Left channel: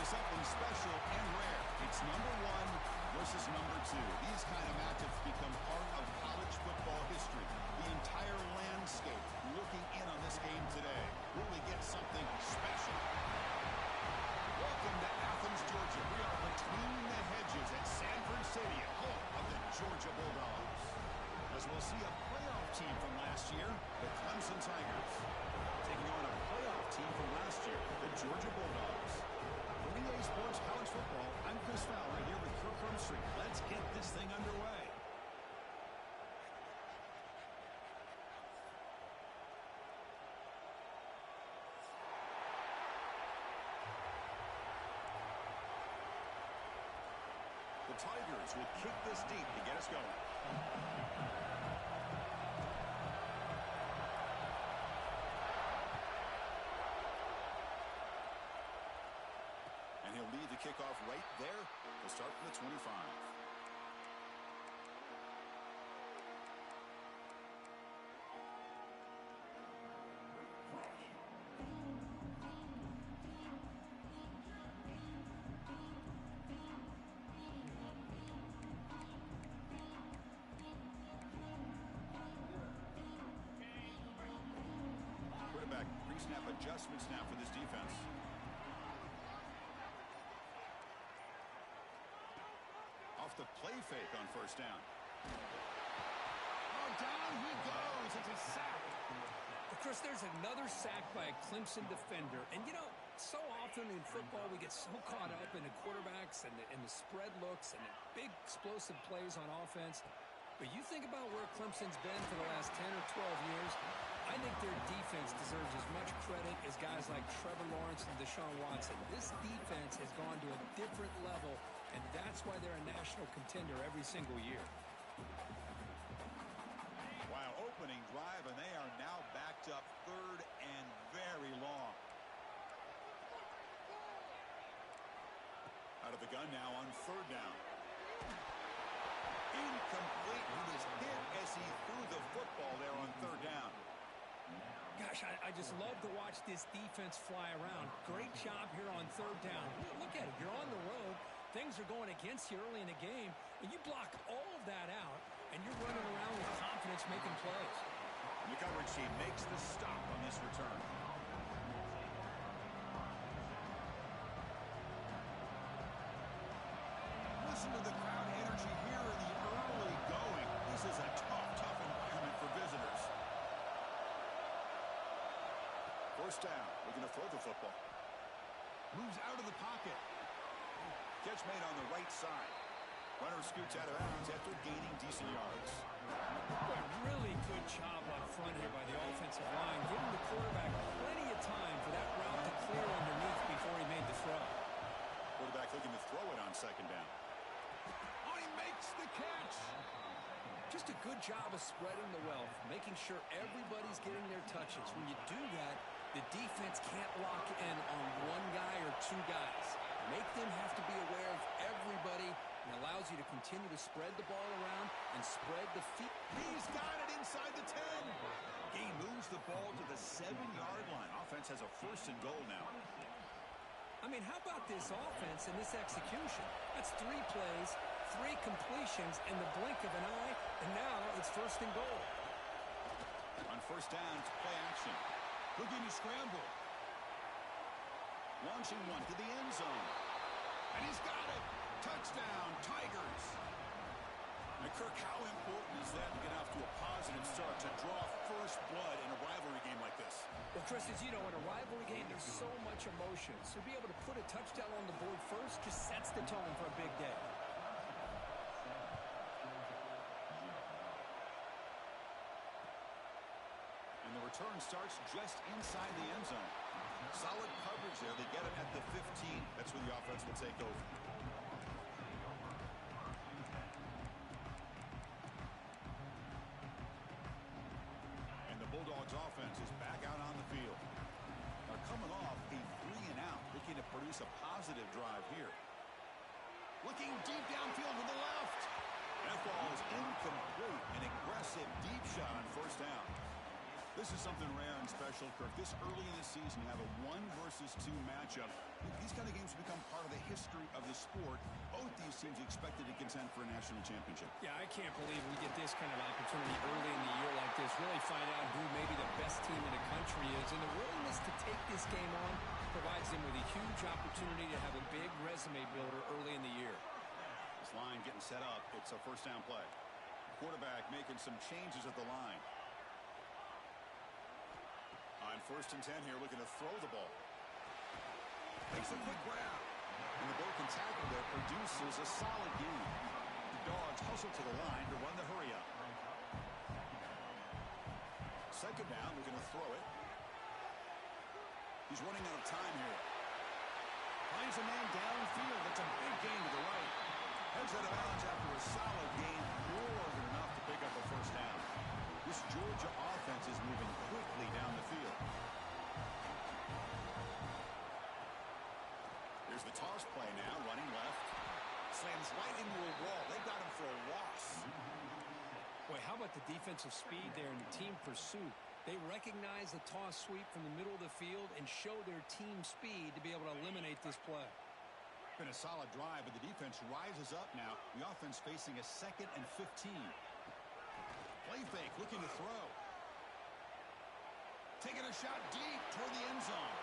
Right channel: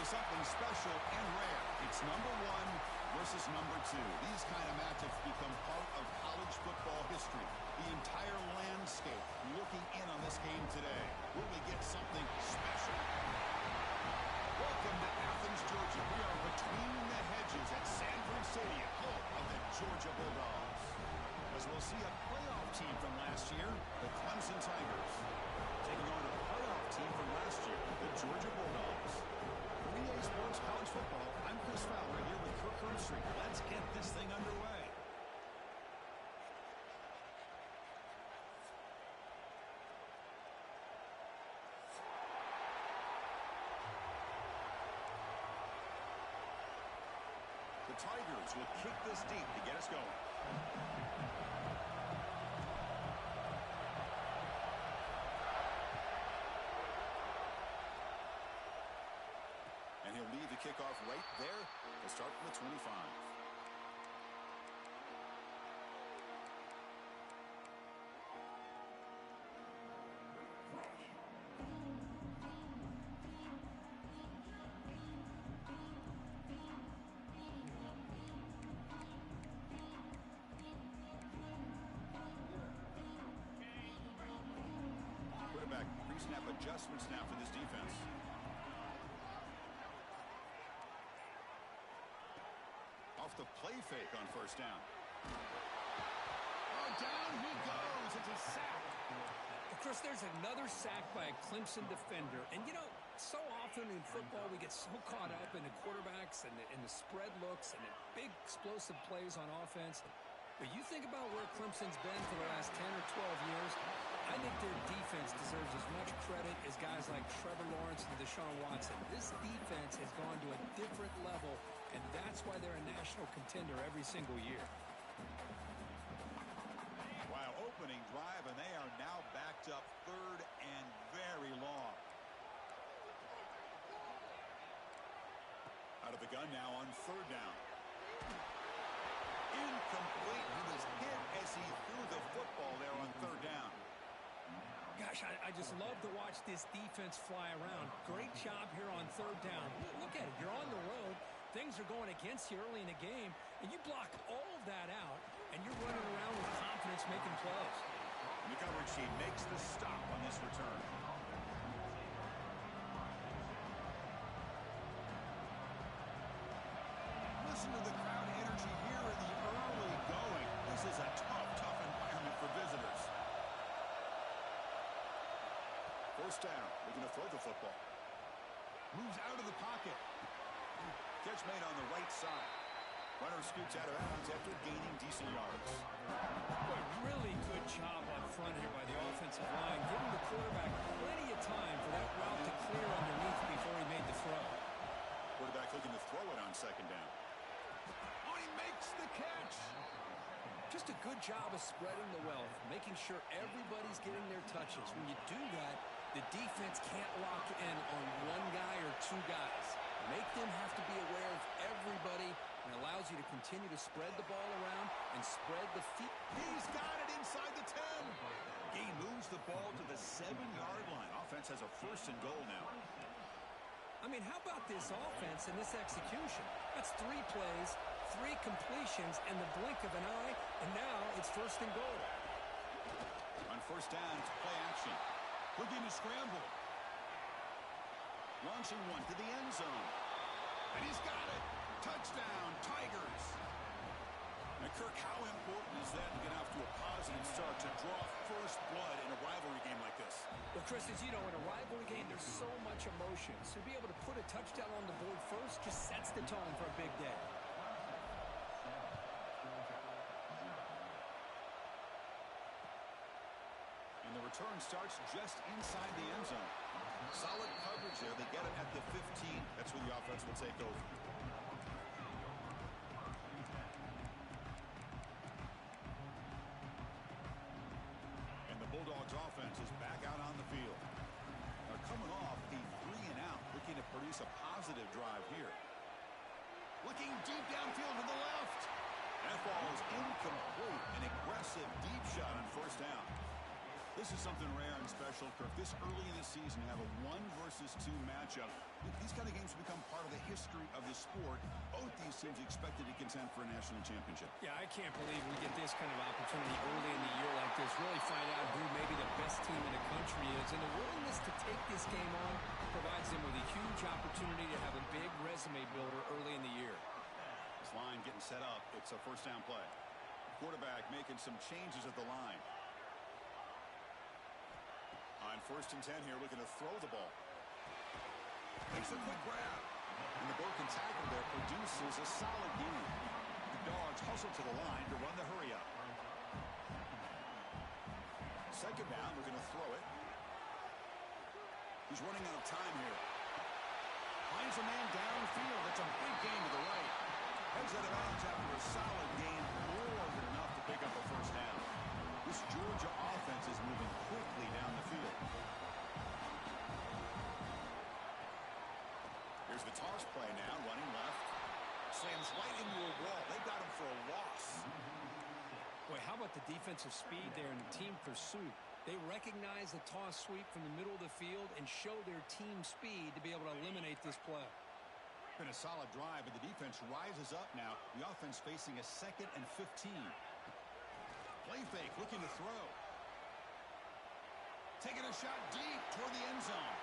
into something special and rare. It's number 1 versus number 2. These kind of matchups become part of college football history. The entire landscape looking in on this game today. Will we get something special? Welcome to Athens, Georgia. We are between the hedges at Sanford Stadium, home of the Georgia Bulldogs. As we'll see a playoff team from last year, the Clemson Tigers, taking on a playoff team from last year, the Georgia Bulldogs. For EA Sports College Football, I'm Chris Fowler here with Kirk Hermstreet. Let's get this thing underway. The Tigers will kick this deep to get us going. And he'll lead the kickoff right there. He'll start from the 25. Quarterback pre-snap adjustment snap for this defense. Off the play fake on first down. Oh, down he goes. It's a sack. Well, Chris, there's another sack by a Clemson defender. And, you know, so often in football we get so caught up in the quarterbacks and the spread looks and the big explosive plays on offense. But you think about where Clemson's been for the last 10 or 12 years, I think their defense deserves as much credit as guys like Trevor Lawrence and Deshaun Watson. This defense has gone to a different level, and that's why they're a national contender every single year. Wow, opening drive, and they are now backed up third and very long. Out of the gun now on third down. Incomplete. He was hit as he threw the football there on third down. Gosh, I just love to watch this defense fly around. Great job here on third down. Look at it. You're on the road. Things are going against you early in the game, and you block all of that out, and you're running around with confidence making plays. And the coverage team makes the stop on this return. Listen to the crowd energy here in the early going. This is a tough environment for visitors. First down, looking to throw the football. Moves out of the pocket. Catch made on the right side. Runner scoots out of bounds after gaining decent yards. Boy, really good job up front here by the offensive line, giving the quarterback plenty of time for that route to clear underneath before he made the throw. Quarterback looking to throw it on second down. Oh, he makes the catch. Just a good job of spreading the wealth, making sure everybody's getting their touches. When you do that, the defense can't lock in on one guy or two guys. Make them have to be aware of everybody, and allows you to continue to spread the ball around and spread the feet. He's got it inside the 10. He moves the ball to the 7-yard line. Offense has a first and goal now. I mean, how about this offense and this execution? That's 3 plays, 3 completions in the blink of an eye, and now it's first and goal. On first down, it's play action. Looking to scramble. Launching one to the end zone. And he's got it. Touchdown, Tigers. And Kirk, how important is that to get off to a positive start to draw first blood in a rivalry game like this? Well, Chris, as you know, in a rivalry game, there's so much emotion. So to be able to put a touchdown on the board first just sets the tone for a big day. And the return starts just inside the end zone. Solid coverage there. They get it at the 15. That's where the offense will take over. And the Bulldogs offense is back out on the field. They're coming off a 3-and-out, looking to produce a positive drive here. Looking deep downfield to the left. That ball is incomplete. An aggressive deep shot on first down. This is something rare and special, Kirk. This early in the season, have a 1 versus 2 matchup. These kind of games become part of the history of the sport. Both these teams expected to contend for a national championship. Yeah, I can't believe we get this kind of opportunity early in the year like this. Really find out who maybe the best team in the country is. And the willingness to take this game on provides them with a huge opportunity to have a big resume builder early in the year. This line getting set up. It's a first down play. Quarterback making some changes at the line. On 1st and 10 here, looking to throw the ball. Makes a quick grab. And the broken tackle there produces a solid gain. The Dogs hustle to the line to run the hurry up. 2nd down, looking to throw it. He's running out of time here. Finds a man downfield. That's a big gain to the right. Heads out of bounds after a solid gain, more than enough to pick up a first down. This Georgia offense is moving quickly down the field. Here's the toss play now, running left. Slams right into a wall. They got him for a loss. Boy, how about the defensive speed there and the team pursuit? They recognize the toss sweep from the middle of the field and show their team speed to be able to eliminate this play. Been a solid drive, but the defense rises up now. The offense facing a 2nd and 15. Play fake, looking to throw. Taking a shot deep toward the end zone.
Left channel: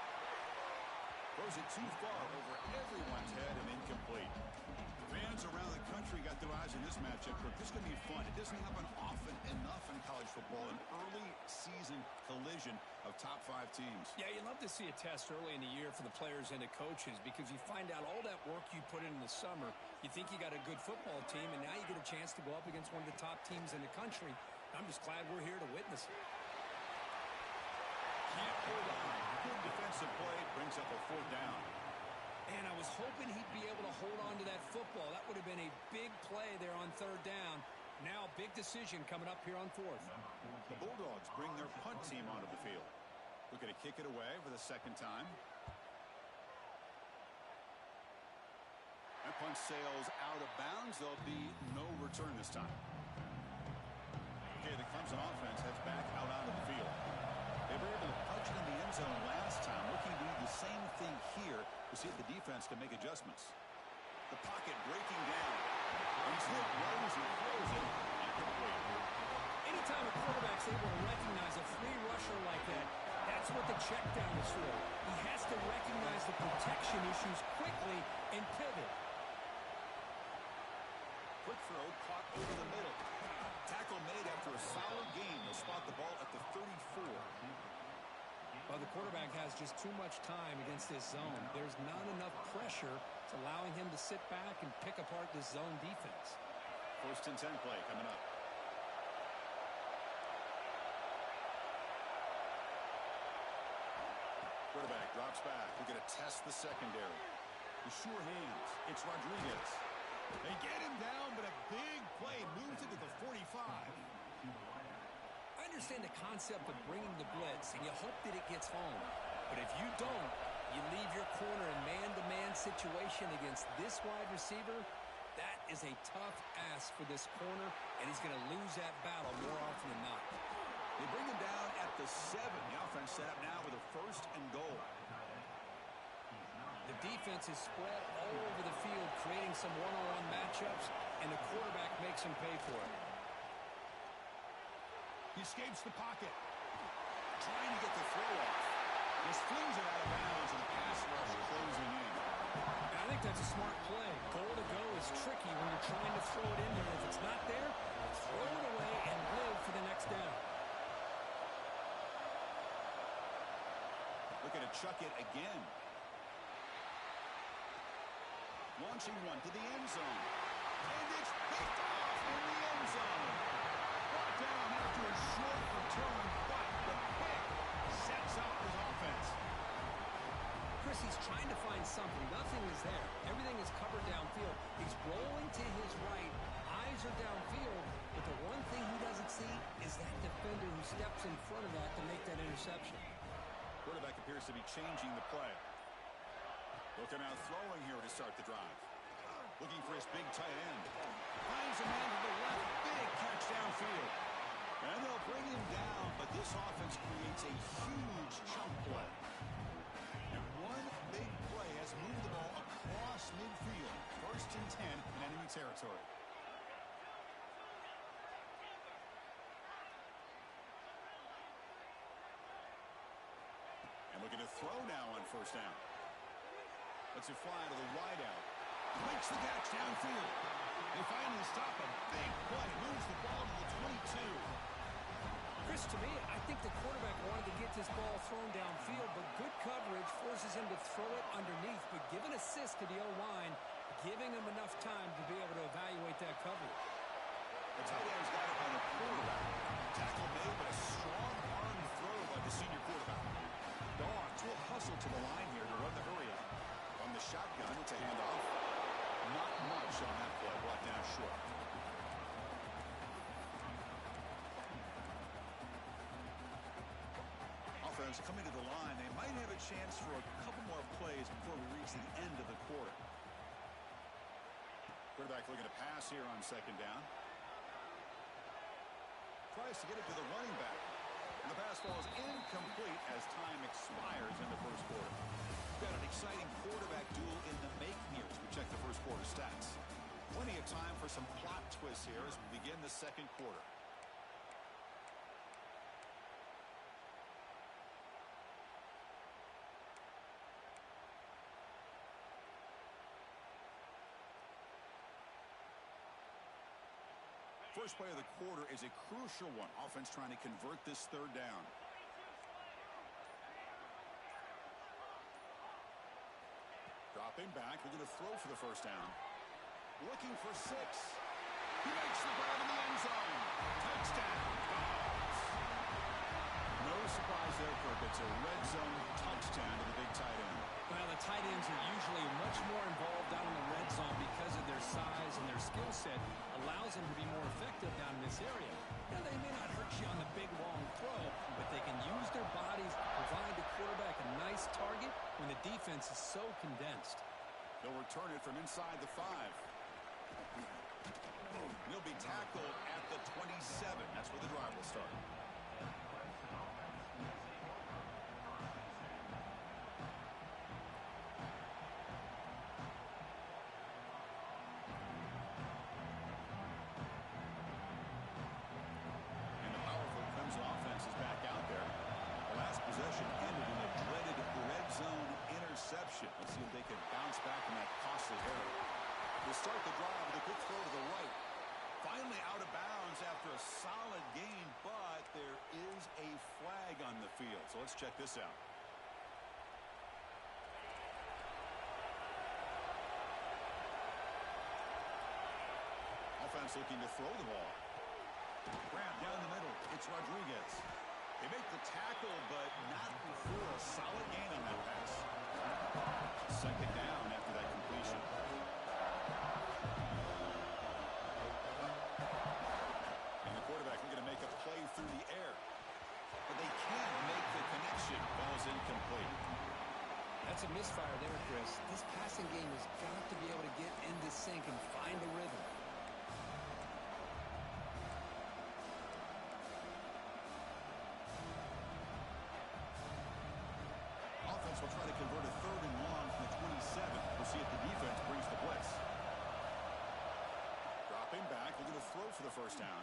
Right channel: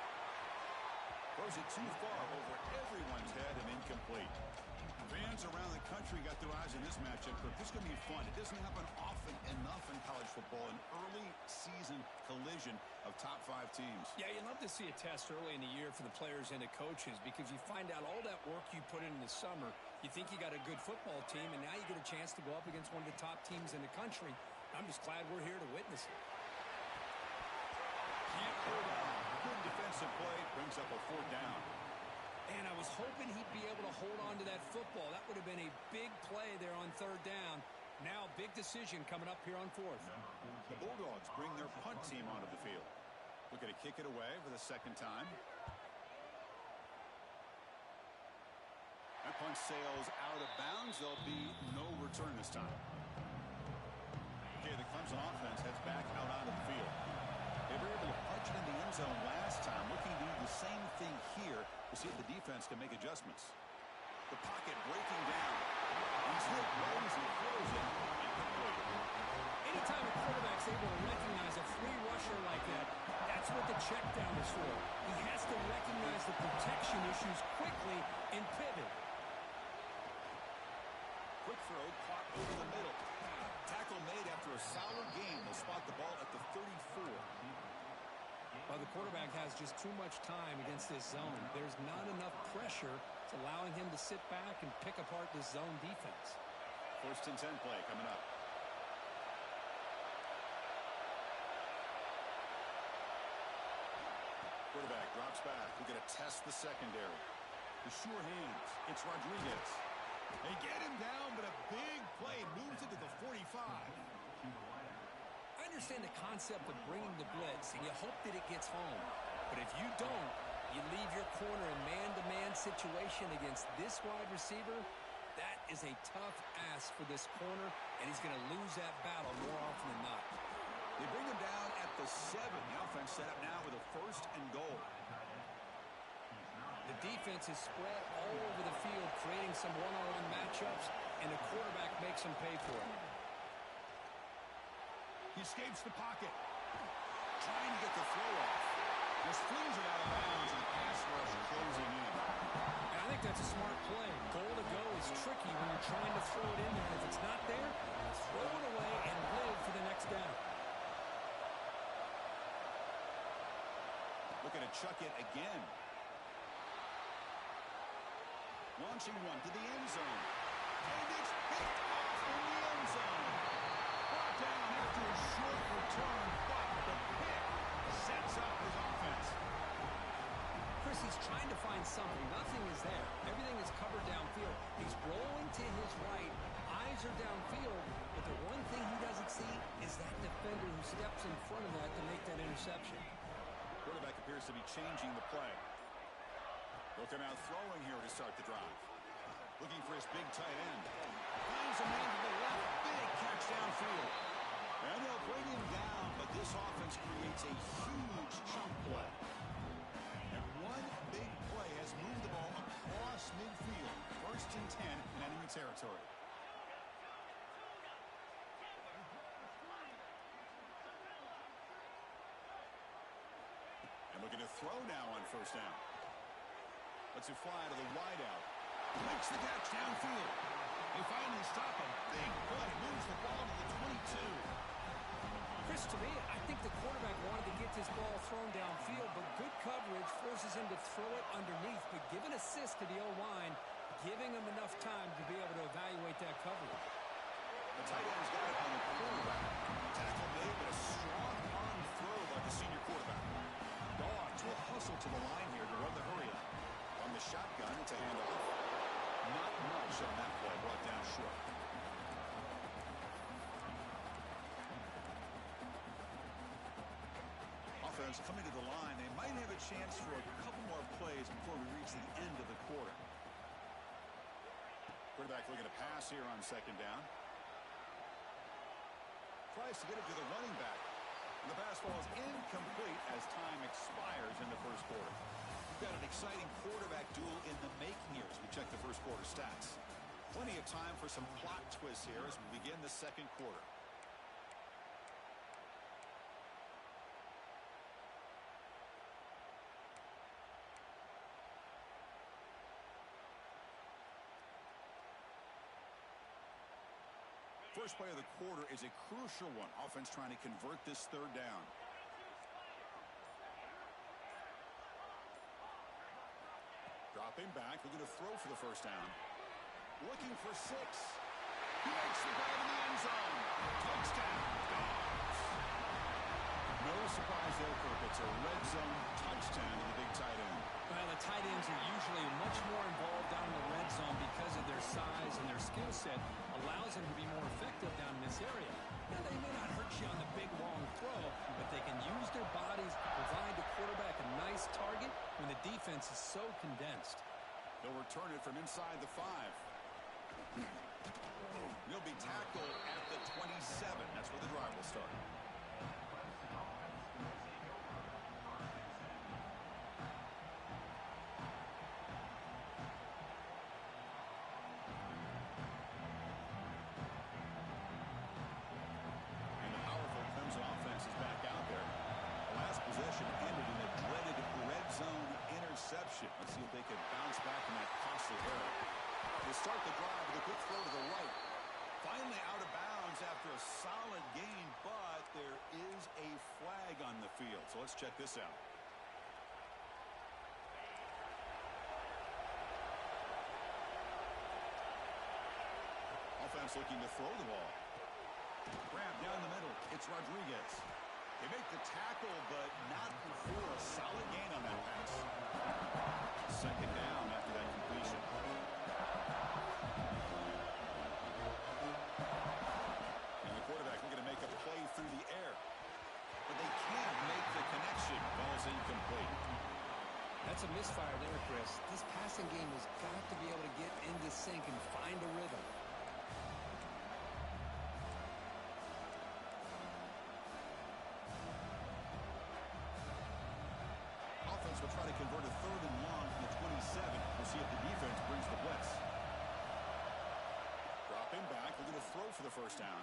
Throws it too far over everyone's head and incomplete. Fans around the country got their eyes on this matchup. This is going to be fun. It doesn't happen often enough in college football, an early season collision of top 5 teams. Yeah, you'd love to see a test early in the year for the players and the coaches because you find out all that work you put in the summer. You think you got a good football team, and now you get a chance to go up against one of the top teams in the country. I'm just glad we're here to witness it. Can't hold on. Good defensive play brings up a 4th down. And I was hoping he'd be able to hold on to that football. That would have been a big play there on 3rd down. Now, big decision coming up here on 4th. The Bulldogs bring their punt team onto the field. Looking to kick it away for the 2nd time. That punt sails out of bounds. There'll be no return this time. Okay, the Clemson offense heads back out onto the field. They were able to punch it in the end zone last time. Looking to do the same thing here to see if the defense can make adjustments. The pocket breaking down. He's hit right as he throws it. Incomplete. Anytime a quarterback's able to recognize a free rusher like that, that's what the check down is for. He has to recognize the protection issues quickly and pivot. Quick throw caught over the middle. Tackle made after a solid gain. They'll spot the ball at the 34. Well, the quarterback has just too much time against this zone. There's not enough pressure. It's allowing him to sit back and pick apart this zone defense. 1st and 10 play coming up. Quarterback drops back. We're going to test the secondary. The sure hands. It's Rodriguez. They get him down, but a big play moves it to the 45. I understand the concept of bringing the blitz, and you hope that it gets home. But if you don't, you leave your corner in man-to-man situation against this wide receiver. That is a tough ask for this corner, and he's going to lose that battle more often than not. They bring him down at the 7. The offense set up now with a 1st and goal. The defense is spread all over the field, creating some one-on-one matchups, and the quarterback makes them pay for it. He escapes the pocket. Trying to get the throw off. Just flings it out of bounds, and the pass rush closing in. And I think that's a smart play. Goal to go is tricky when you're trying to throw it in there. If it's not there, throw it away and live for the next down. Looking to chuck it again. Launching one to the end zone. And it's picked off in the end zone. Brought down after a short return, but the pick sets up his offense. Chris, he's trying to find something. Nothing is there. Everything is covered downfield. He's rolling to his right. Eyes are downfield. But the one thing he doesn't see is that defender who steps in front of that to make that interception. Quarterback appears to be changing the play. Looking out throwing here to start the drive. Looking for his big tight end. Finds a man to the left. Big catch downfield. And they'll bring him down, but this offense creates a huge chunk play. And one big play has moved the ball across midfield. 1st and 10 in enemy territory. And looking to throw now on 1st down. Lets it fly to the wideout. Makes the catch downfield. They finally stop him. Big play. Moves the ball to the 22. Chris, to me, I think the quarterback wanted to get this ball thrown downfield, but good coverage forces him to throw it underneath. But give an assist to the O-line, giving him enough time to be able to evaluate that coverage. The tight end's got it on the quarterback. Tackle made, but a strong arm throw by the senior quarterback. Dogs will hustle to the line here to run the hurry up. On the shotgun, it's a handoff. Not much on that play, brought down short. Offense coming to the line. They might have a chance for a couple more plays before we reach the end of the quarter. Quarterback looking to pass here on 2nd down. Tries to get it to the running back. And the pass ball is incomplete as time expires in the 1st quarter. We've got an exciting quarterback duel in the making here as we check the 1st quarter stats. Plenty of time for some plot twists here as we begin the 2nd quarter. First play of the quarter is a crucial one. Offense trying to convert this 3rd down. Dropping back, looking to throw for the 1st down. Looking for 6. He makes the grab in the end zone. Touchdown, Dogs. No surprise there, Kirk. It's a red zone touchdown to the big tight end. Well, the tight ends are usually much more involved down in the red zone because of their size and their skill set allows them to be more effective down in this area. Now, they may not hurt you on the big, long throw, but they can use their bodies to provide the quarterback a nice target when the defense is so condensed. They'll return it from inside the 5. He'll be tackled at the 27. That's where the drive will start. Offense is back out there. The last possession ended in a dreaded red zone interception. Let's see if they can bounce back from that costly error. To start the drive with a quick throw to the right. Finally out of bounds after a solid gain, but there is a flag on the field. So let's check this out. Offense looking to throw the ball. Grab down the middle. It's Rodriguez. They make the tackle, but not before a solid gain on that pass. 2nd down after that completion. And the quarterback looking to make a play through the air. But they can't make the connection. Ball's incomplete. That's a misfire there, Chris. This passing game has got to be able to get into sync and find a rhythm. Will try to convert a 3rd and long from the 27. We'll see if the defense brings the blitz. Dropping back, looking to throw for the 1st down.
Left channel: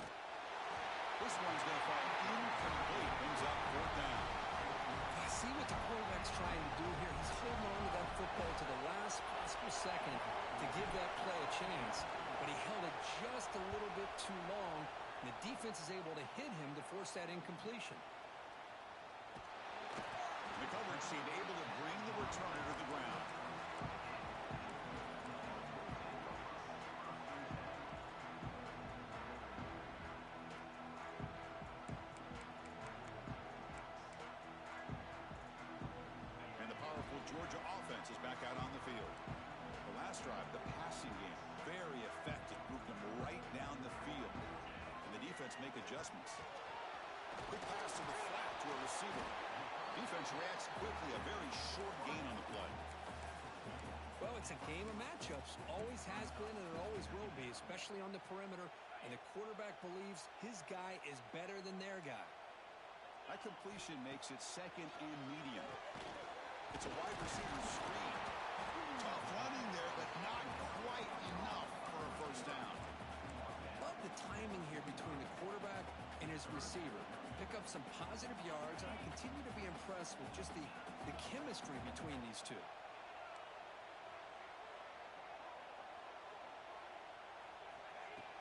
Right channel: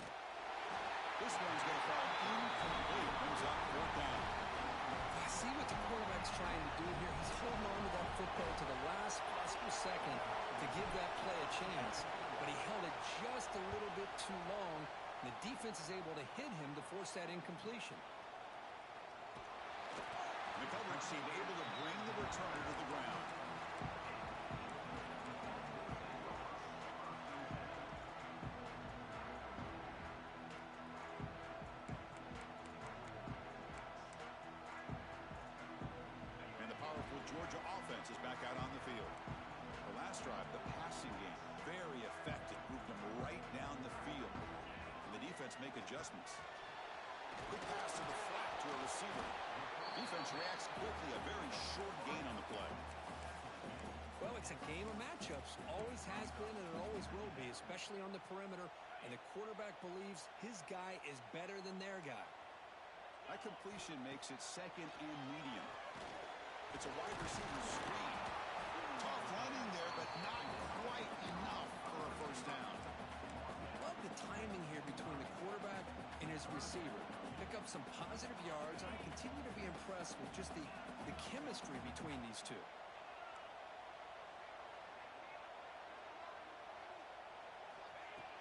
This one's going to fall incomplete. Brings up 4th down. I see what the quarterback's trying to do here. He's holding on to that football to the last possible second to give that play a chance. But he held it just a little bit too long, and the defense is able to hit him to force that incompletion. The coverage team able to bring the returner to the ground. And the powerful Georgia offense is back out on the field. The last drive, the passing game, very effective. Moved them right down the field. And the defense make adjustments. Quick pass to the flat to a receiver. Defense reacts quickly. A very short gain on the play. Well, it's a game of matchups. Always has been and it always will be, especially on the perimeter. and the quarterback believes his guy is better than their guy. That completion makes it second and medium. It's a wide receiver screen. Tough running there, but not quite enough for a first down. Love the timing here between the quarterback and his receiver. Pick up some positive yards, and I continue to be impressed with just the chemistry between these two.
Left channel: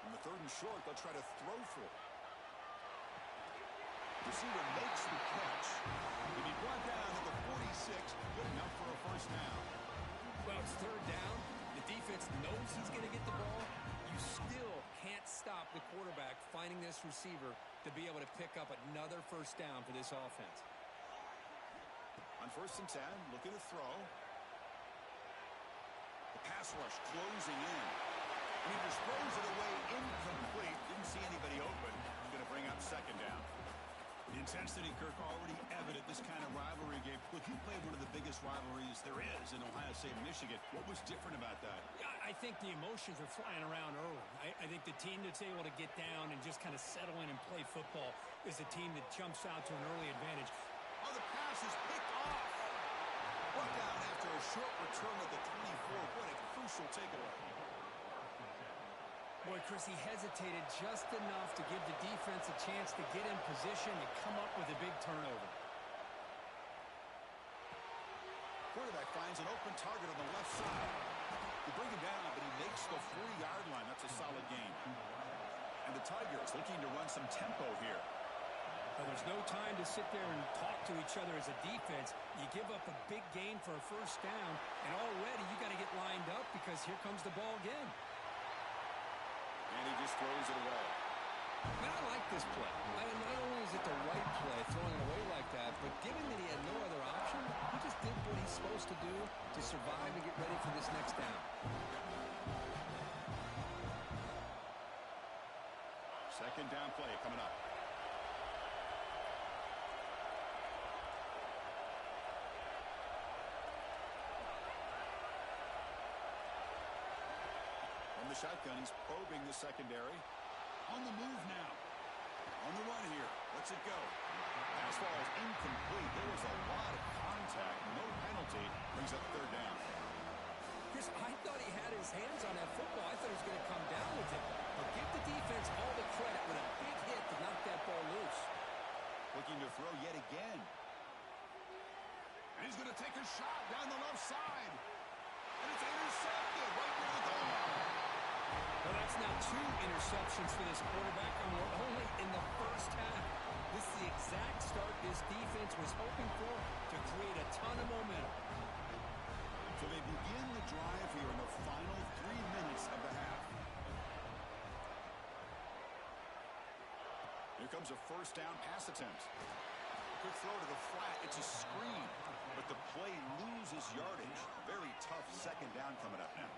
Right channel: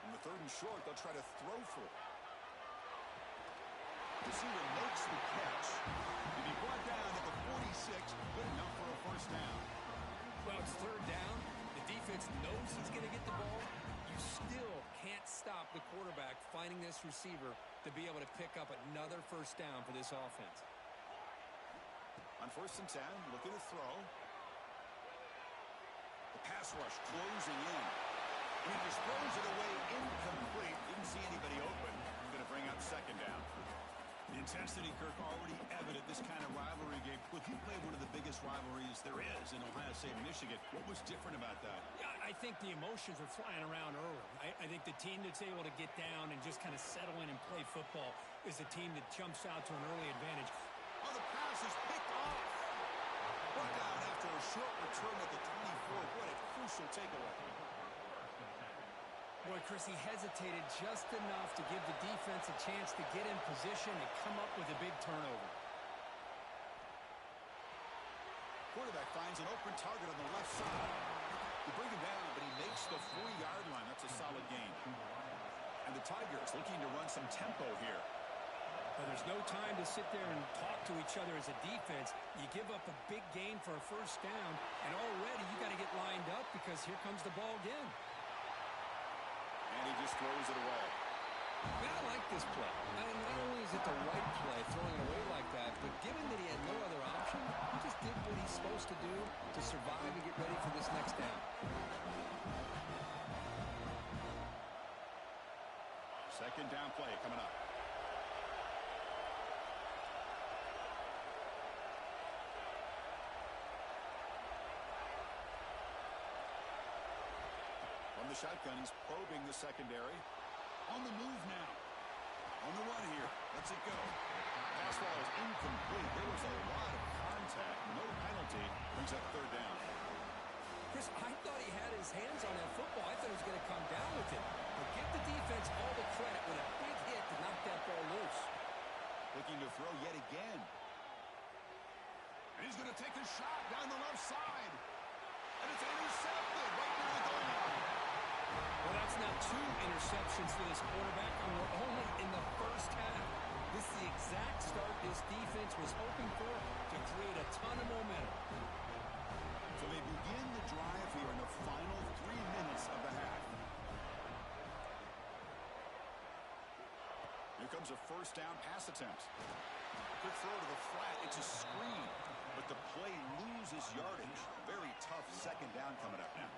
In the third and short, they'll try to throw for it. Receiver makes the catch. He'll be brought down at the 46, good enough for a first down. Well, it's third down. The defense knows he's going to get the ball. You still can't stop the quarterback finding this receiver to be able to pick up another first down for this offense. On 1st and 10, looking to throw. The pass rush closing in. And he just throws it away incomplete. Didn't see anybody open. Going to bring up second down. The intensity, Kirk, already evident this kind of rivalry game. Look, you played one of the biggest rivalries there is in Ohio State and Michigan. What was different about that? Yeah, I think the emotions are flying around early. I think the team that's able to get down and just kind of settle in and play football is the team that jumps out to an early advantage. Oh, the pass is picked off. Brought down after a short return at the 24. What a crucial takeaway. Boy, Chris, he hesitated just enough to give the defense a chance to get in position and come up with a big turnover. Quarterback finds an open target on the left side. You bring him down, but he makes the 40-yard line. That's a solid gain. And the Tigers looking to run some tempo here. But there's no time to sit there and talk to each other as a defense. You give up a big gain for a first down, and already you got to get lined up because here comes the ball again. And he just throws it away. Man, I like this play. Not only is it the right play, throwing it away like that, but given that he had no other option, he just did what he's supposed to do to survive and get ready for this next down. Second down play coming up. From the shotgun, he's probing the secondary. On the move now. On the run here. Lets it go. Pass ball is incomplete. There was a lot of contact. No penalty. Brings up third down. Chris, I thought he had his hands on that football. I thought he was going to come down with it. But give the defense all the credit with a big hit to knock that ball loose. Looking to throw yet again. And he's going to take a shot down the left side. And it's intercepted right near the goal line. Well, that's now 2 interceptions for this quarterback, and we're only in the first half. This is the exact start this defense was hoping for to create a ton of momentum. So they begin the drive here in the final 3 minutes of the half. Here comes a first down pass attempt. Quick throw to the flat. It's a screen, but the play loses yardage. Very tough second down coming up now.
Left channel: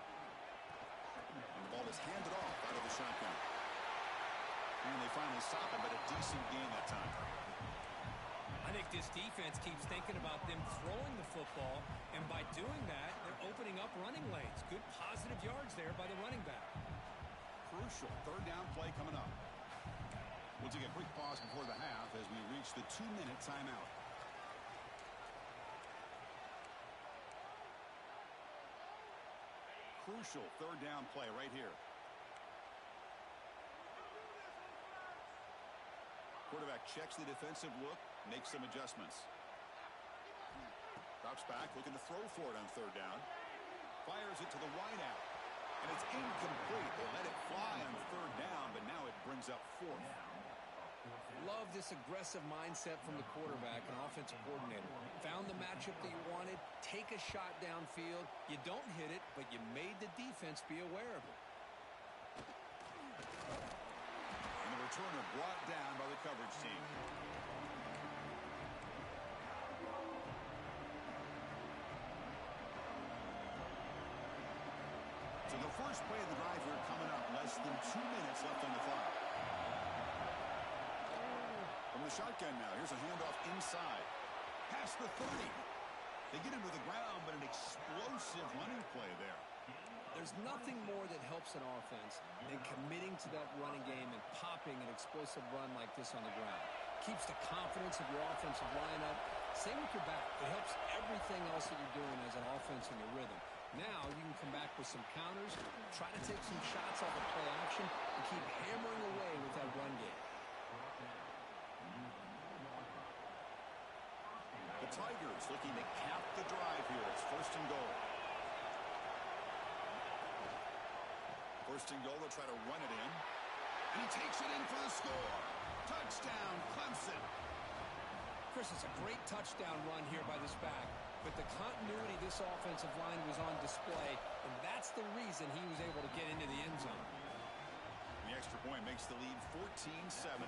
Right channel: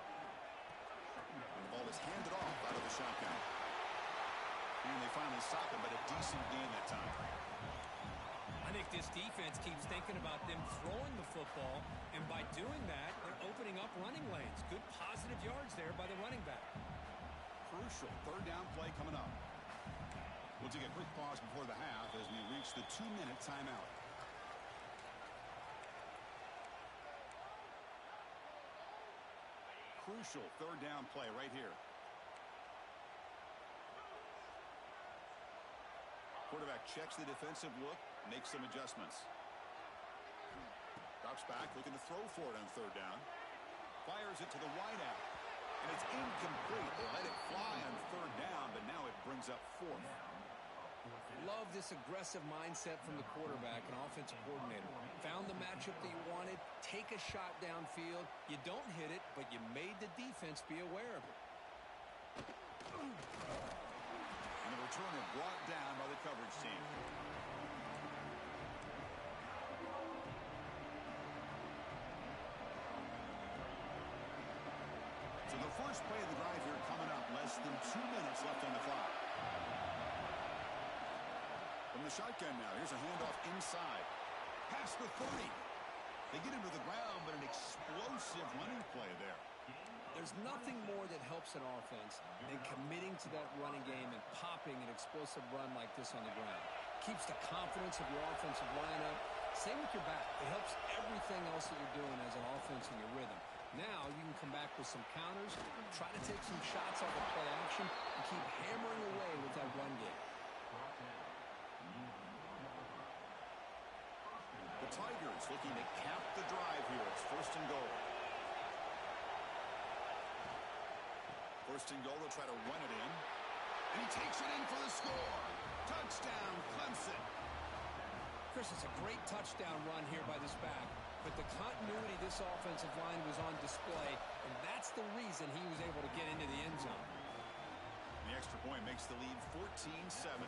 And the ball is handed off out of the shotgun. And they finally stop it, but a decent gain that time. I think this defense keeps thinking about them throwing the football, and by doing that, they're opening up running lanes. Good positive yards there by the running back. Crucial third down play coming up. We'll take a quick pause before the half as we reach the 2-minute timeout. Crucial third down play right here. Quarterback checks the defensive look, makes some adjustments. Drops back, looking to throw for it on third down. Fires it to the wideout. And it's incomplete. They let it fly on third down, but now it brings up fourth. Love this aggressive mindset from the quarterback and offensive coordinator. Found the matchup that you wanted, take a shot downfield. You don't hit it, but you made the defense be aware of it. And the returner brought down by the coverage team. So the first play of the drive here coming up. Less than 2 minutes left on the clock. From the shotgun now, here's a handoff inside. Past the 30. They get him to the ground, but an explosive running play there. There's nothing more that helps an offense than committing to that running game and popping an explosive run like this on the ground. Keeps the confidence of your offensive lineup. Same with your back. It helps everything else that you're doing as an offense in your rhythm. Now you can come back with some counters, try to take some shots off of play action, and keep hammering away with that run game. The Tigers looking to cap the drive here. It's 1st and goal. 1st and goal, they'll try to run it in. And he takes it in for the score. Touchdown, Clemson. Chris, it's a great touchdown run here by this back, but the continuity of this offensive line was on display, and that's the reason he was able to get into the end zone. The extra point makes the lead 14-7.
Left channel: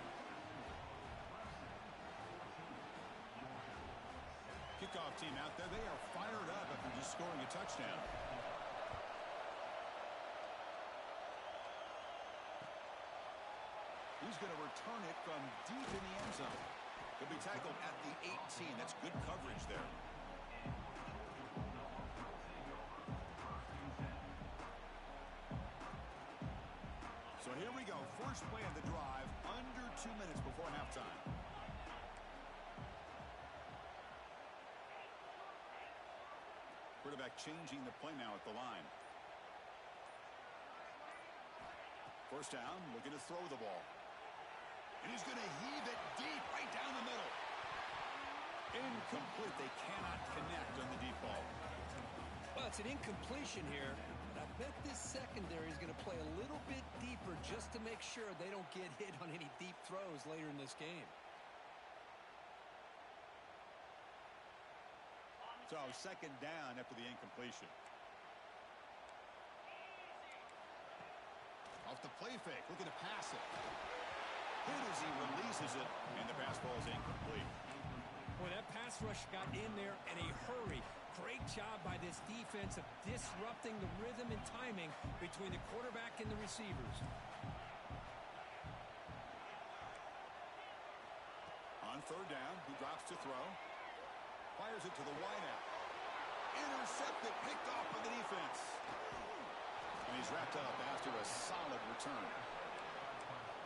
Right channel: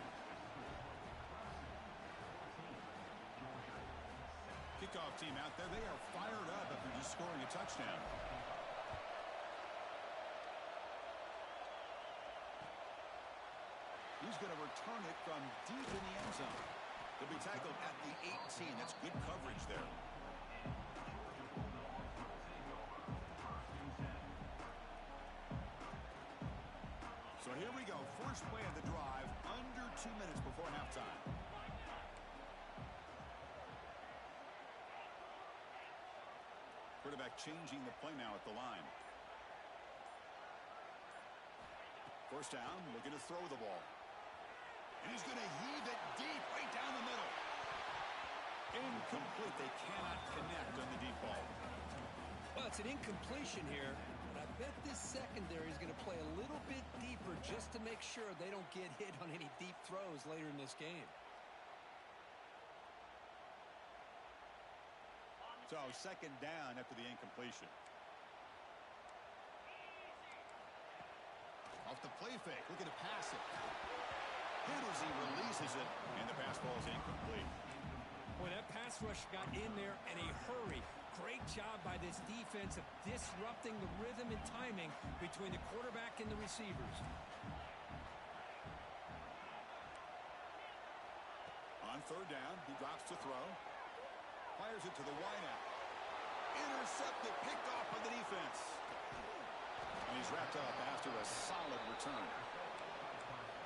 Kickoff team out there, they are fired up after just scoring a touchdown. He's going to return it from deep in the end zone. He'll be tackled at the 18. That's good coverage there. So here we go. First play of the drive, under 2 minutes before halftime. Quarterback changing the play now at the line. First down, looking to throw the ball. And he's going to heave it deep right down the middle. Incomplete. They cannot connect on the deep ball. Well, it's an incompletion here, but I bet this secondary is going to play a little bit deeper just to make sure they don't get hit on any deep throws later in this game. So, 2nd down after the incompletion. Off the play fake, looking to pass it. Hit as he releases it, and the pass ball is incomplete. Boy, that pass rush got in there in a hurry. Great job by this defense of disrupting the rhythm and timing between the quarterback and the receivers. On 3rd down, he drops to throw. Fires it to the wideout. Intercepted, picked off by the defense. And he's wrapped up after a solid return.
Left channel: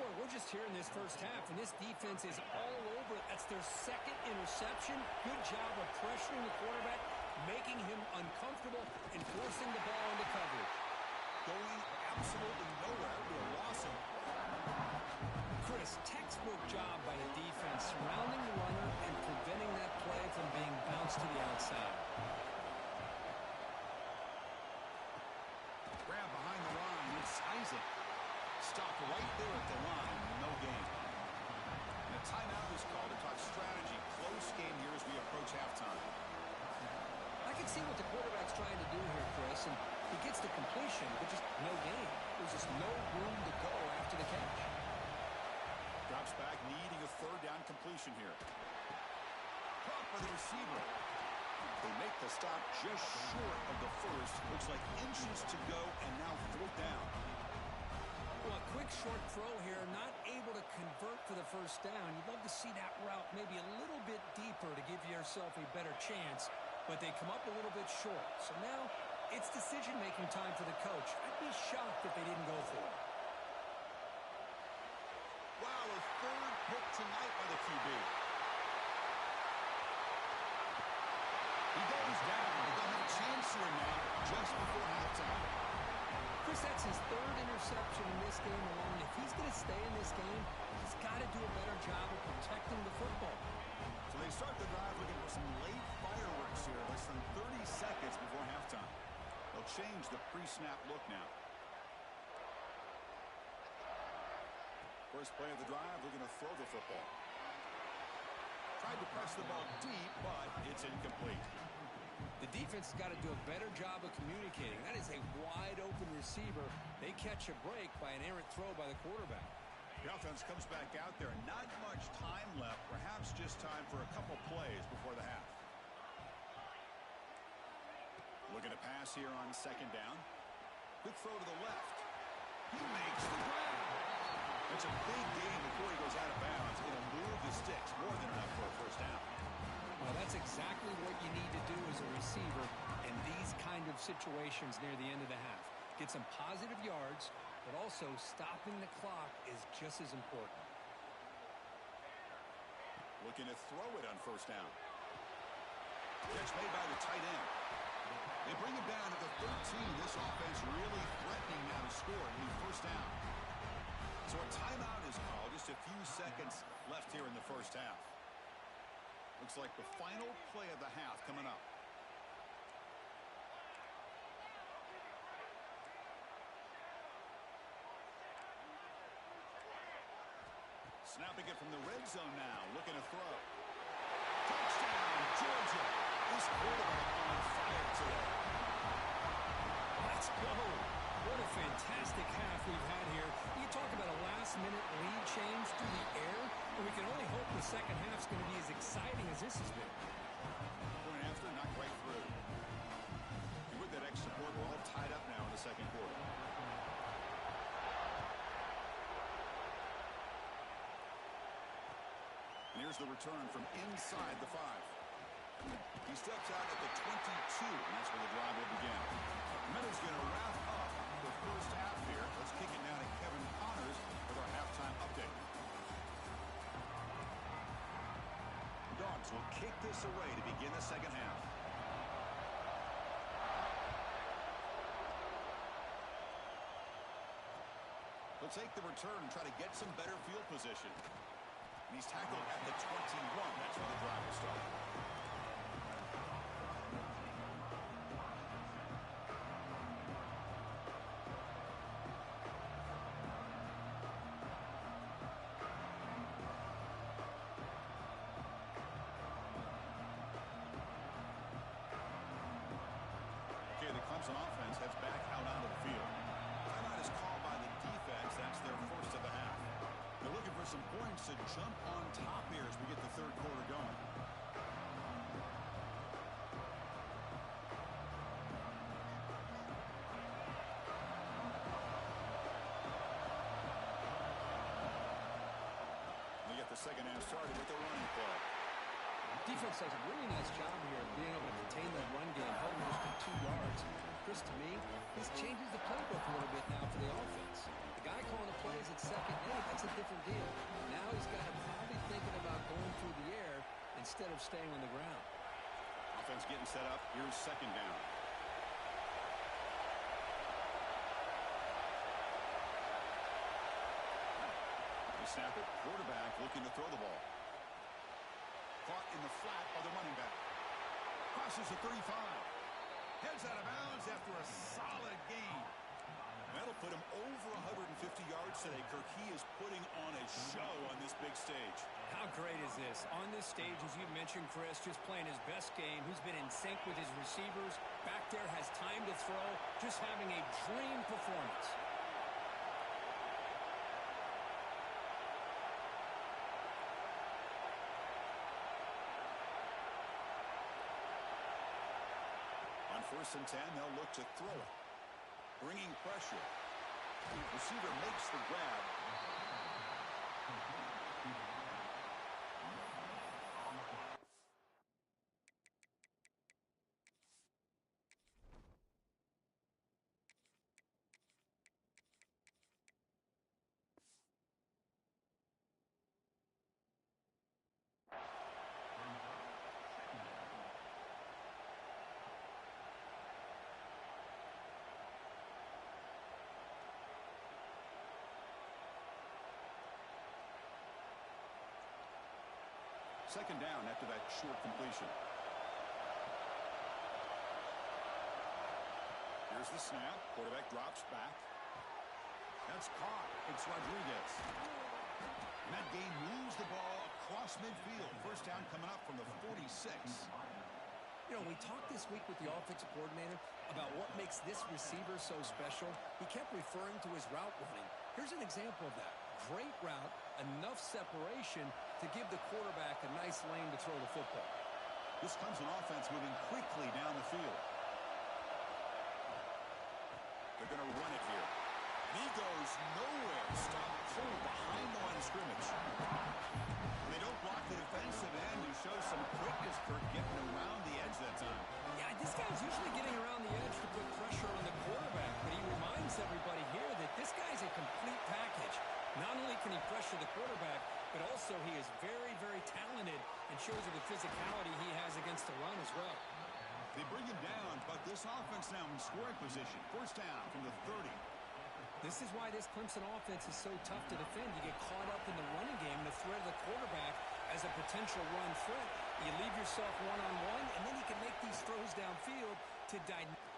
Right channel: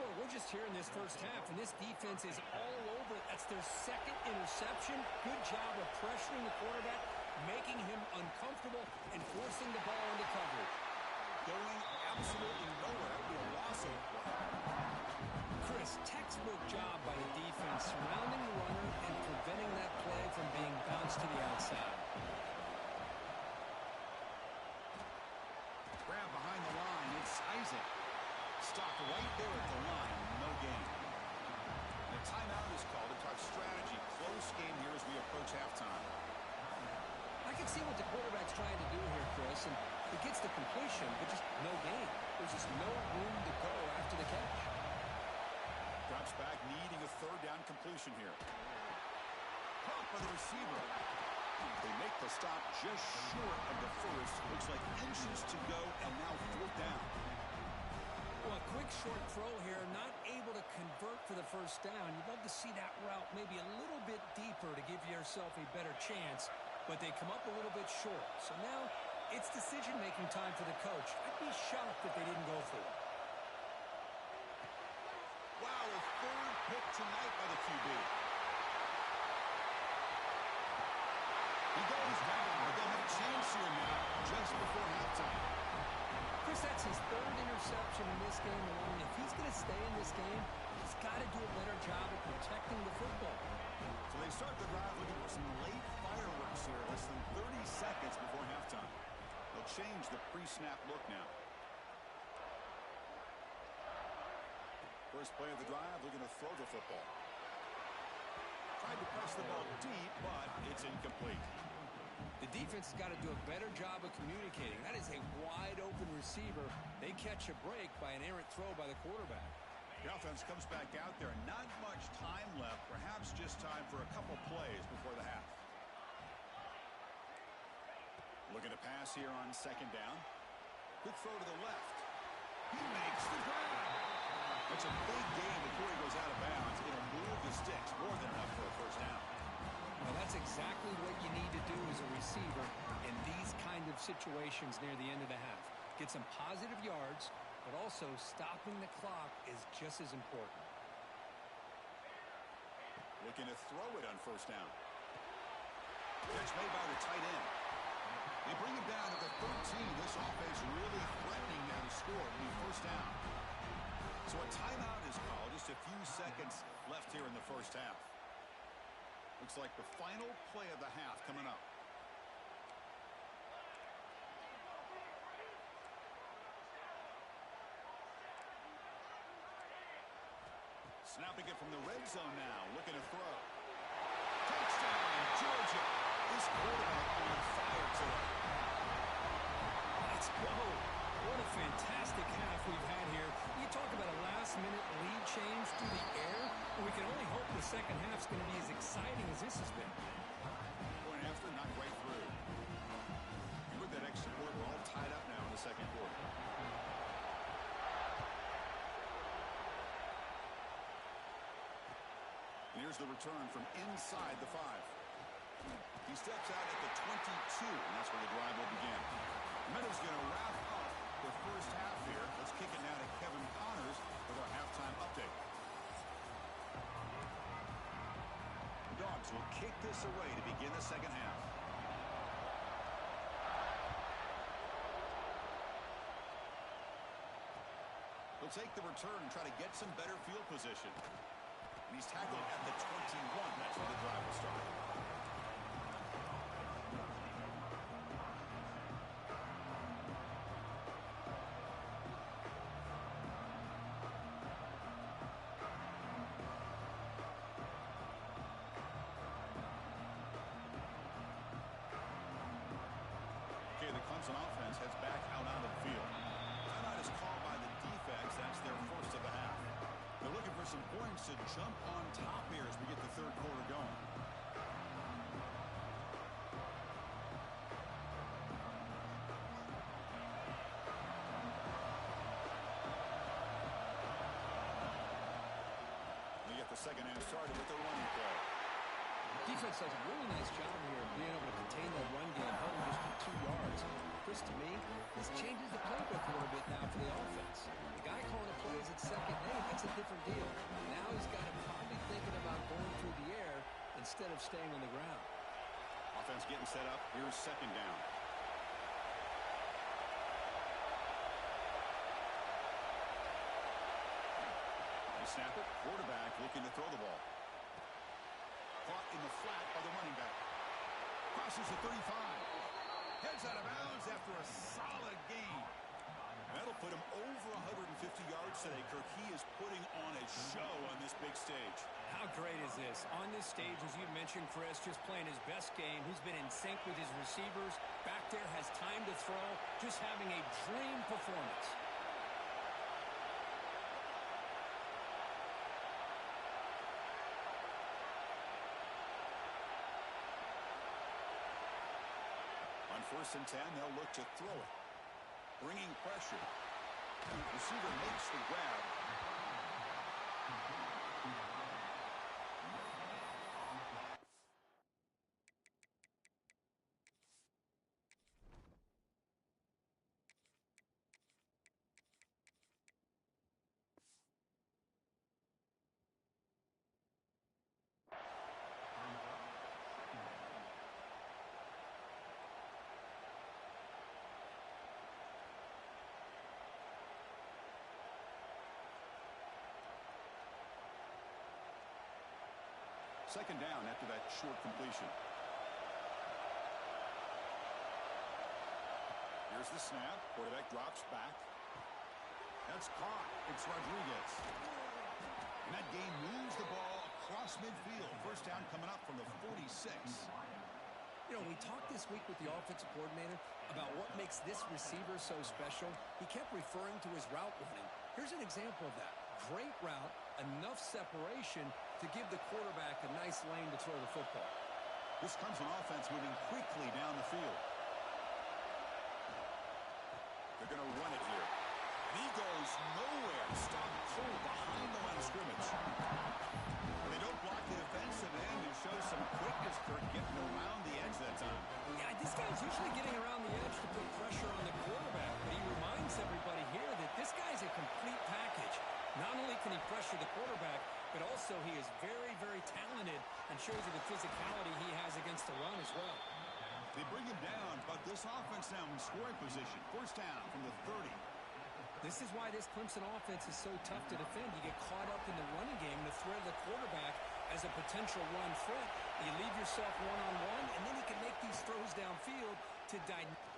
Boy, we're just here in this first half, and this defense is all over it. That's their 2nd interception. Good job of pressuring the quarterback, making him uncomfortable, and forcing the ball into coverage. Going absolutely nowhere. It'll be a loss of play. Chris, textbook job by the defense, surrounding the runner and preventing that play from being bounced to the outside. Grab behind the line. It's Isaac. Stopped right there at the line. No gain. And a timeout is called to talk strategy. Close game here as we approach halftime. I can see what the quarterback's trying to do here, Chris, and he gets the completion, but just no gain. There's just no room to go after the catch. Drops back, needing a 3rd down completion here. Caught by the receiver. They make the stop just short of the first. Looks like inches to go, and now 4th down. Well, a quick short throw here, not able to convert for the first down. You'd love to see that route maybe a little bit deeper to give yourself a better chance, but they come up a little bit short. So now it's decision-making time for the coach. I'd be shocked if they didn't go for it. Wow, a 3rd pick tonight by the QB. He goes down, but they'll have a chance here now just before halftime. Chris, that's his 3rd interception in this game alone. If he's going to stay in this game, he's got to do a better job of protecting the football. So they start the drive looking for some late fireworks here, less than 30 seconds before halftime. They'll change the pre-snap look now. First play of the drive, looking to throw the football. Tried to press the ball deep, but it's incomplete. The defense has got to do a better job of communicating. That is a wide-open receiver. They catch a break by an errant throw by the quarterback. The offense comes back out there. Not much time left. Perhaps just time for a couple plays before the half. Looking to pass here on 2nd down. Quick throw to the left. He makes the grab. That's a big gain before he goes out of bounds. It'll move the sticks. More than enough for a first down. Well, that's exactly what you need to do as a receiver in these kinds kind of situations near the end of the half. Get some positive yards, but also stopping the clock is just as important. Looking to throw it on first down. Catch made by the tight end. They bring him down at the 13. This offense really threatening now to score. It'll be first down. So a timeout is called. Just a few seconds left here in the first half. Looks like the final play of the half coming up. Snapping it from the red zone now. Looking to throw. Touchdown, Georgia. This quarterback on fire today. Let's go. What a fantastic half we've had here. You talk about a last-minute lead change through the air, and we can only hope the second half's going to be as exciting as this has been. Point after, not right through. And with that extra point, we're all tied up now in the second quarter. And here's the return from inside the 5. He steps out at the 22, and that's where the drive will begin. Meadows going to wrap up the first half here. Let's kick it now to Kevin Connors with our halftime update. The Dogs will kick this away to begin the second half. He'll take the return and try to get some better field position. And he's tackled at the 21. That's where the drive will start. Okay, the Clemson offense heads back out onto the field. Timeout is called by the defense. That's their first of the half. They're looking for some points to jump on top here as we get the third quarter going. They get the second half started with the running play. Defense does a really nice job here of being able to contain that run game, held them just to 2 yards. Chris, to me, this changes the playbook a little bit now for the offense. The guy calling the plays at second and 8, that's a different deal. Now he's got to probably thinking about going through the air instead of staying on the ground. Offense getting set up. Here's second down. They snap it. Quarterback looking to throw the ball. Caught in the flat by the running back. Crosses the 35. Heads out of bounds after a solid gain. That'll put him over 150 yards today. Kirk, he is putting on a show on this big stage. How great is this? On this stage, as you mentioned, Chris, just playing his best game. He's been in sync with his receivers. Back there, has time to throw. Just having a dream performance. On 1st and 10, they'll look to throw it. Bringing pressure. Receiver makes the grab. Second down after that short completion. Here's the snap. Quarterback drops back. That's caught. It's Rodriguez. And that game moves the ball across midfield. First down coming up from the 46. You know, we talked this week with the offensive coordinator about what makes this receiver so special. He kept referring to his route running. Here's an example of that. Great route, enough separation to give the quarterback a nice lane to throw the football. This Clemson offense moving quickly down the field. They're going to run it here. And he goes nowhere. Stop cold behind the line of scrimmage. And they don't block the defensive end to show some quickness. Kirk getting around the edge that time. Yeah, this guy's usually getting around the edge can he pressure the quarterback, but also he is very, very talented and shows you the physicality he has against the run as well. They bring him down, but this offense now in scoring position. First down from the 30. This is why this Clemson offense is so tough to defend. You get caught up in the running game, the threat of the quarterback as a potential run threat. You leave yourself one-on-one, and then you can make these throws downfield to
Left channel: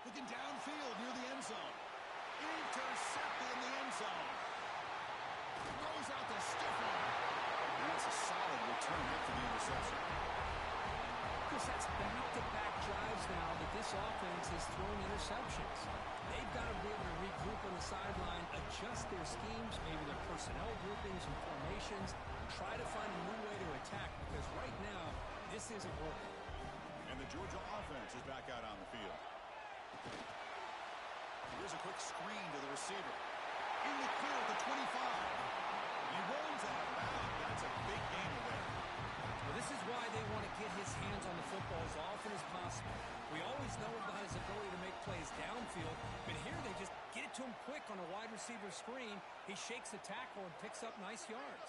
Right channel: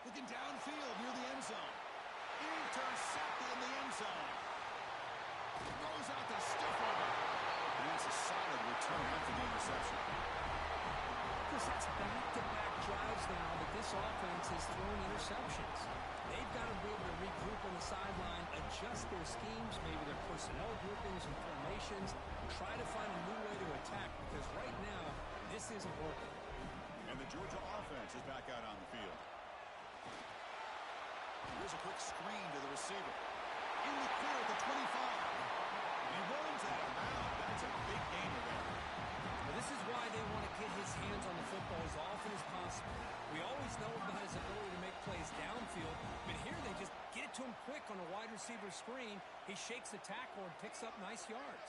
looking downfield near the end zone. Intercepted in the end zone. Throws out the stiff arm. And that's a solid return after the interception. Chris, that's back-to-back drives now that this offense has thrown interceptions. They've got to be able to regroup on the sideline, adjust their schemes, maybe their personnel groupings and formations, try to find a new way to attack, because right now, this isn't working. And the Georgia offense is back out on the field. Here's a quick screen to the receiver. In the clear at the 25. He runs out of bounds. That's a big gainer there. Well, this is why they want to get his hands on the football as often as possible. We always know about his ability to make plays downfield, but here they just get it to him quick on a wide receiver screen. He shakes the tackle and picks up nice yards.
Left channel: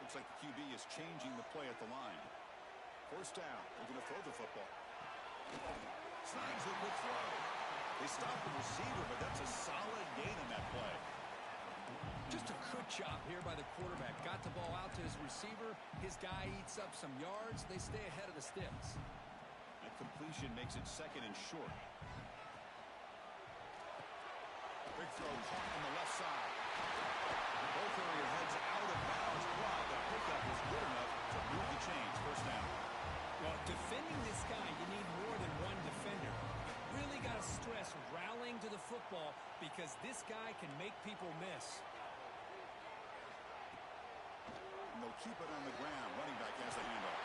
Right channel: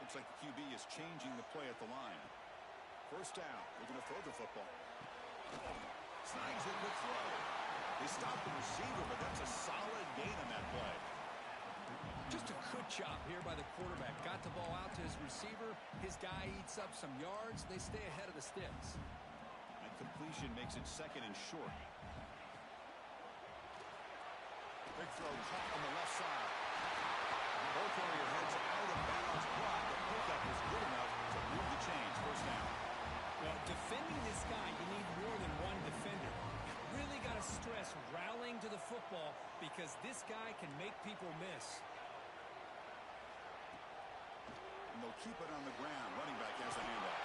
Looks like the QB is changing the play at the line. First down. Looking to throw the football. Snags a good throw. They stop the receiver, but that's a solid gain on that play. Just a good job here by the quarterback. Got the ball out to his receiver. His guy eats up some yards. They stay ahead of the sticks. That completion makes it second and short. Big throw caught on the left side. Ball carrier heads out of bounds, but the pickup was good enough to move the chains. First down. Well, defending this guy, you need more than one defender. You really got to stress rallying to the football because this guy can make people miss. And they'll keep it on the ground. Running back has the handoff.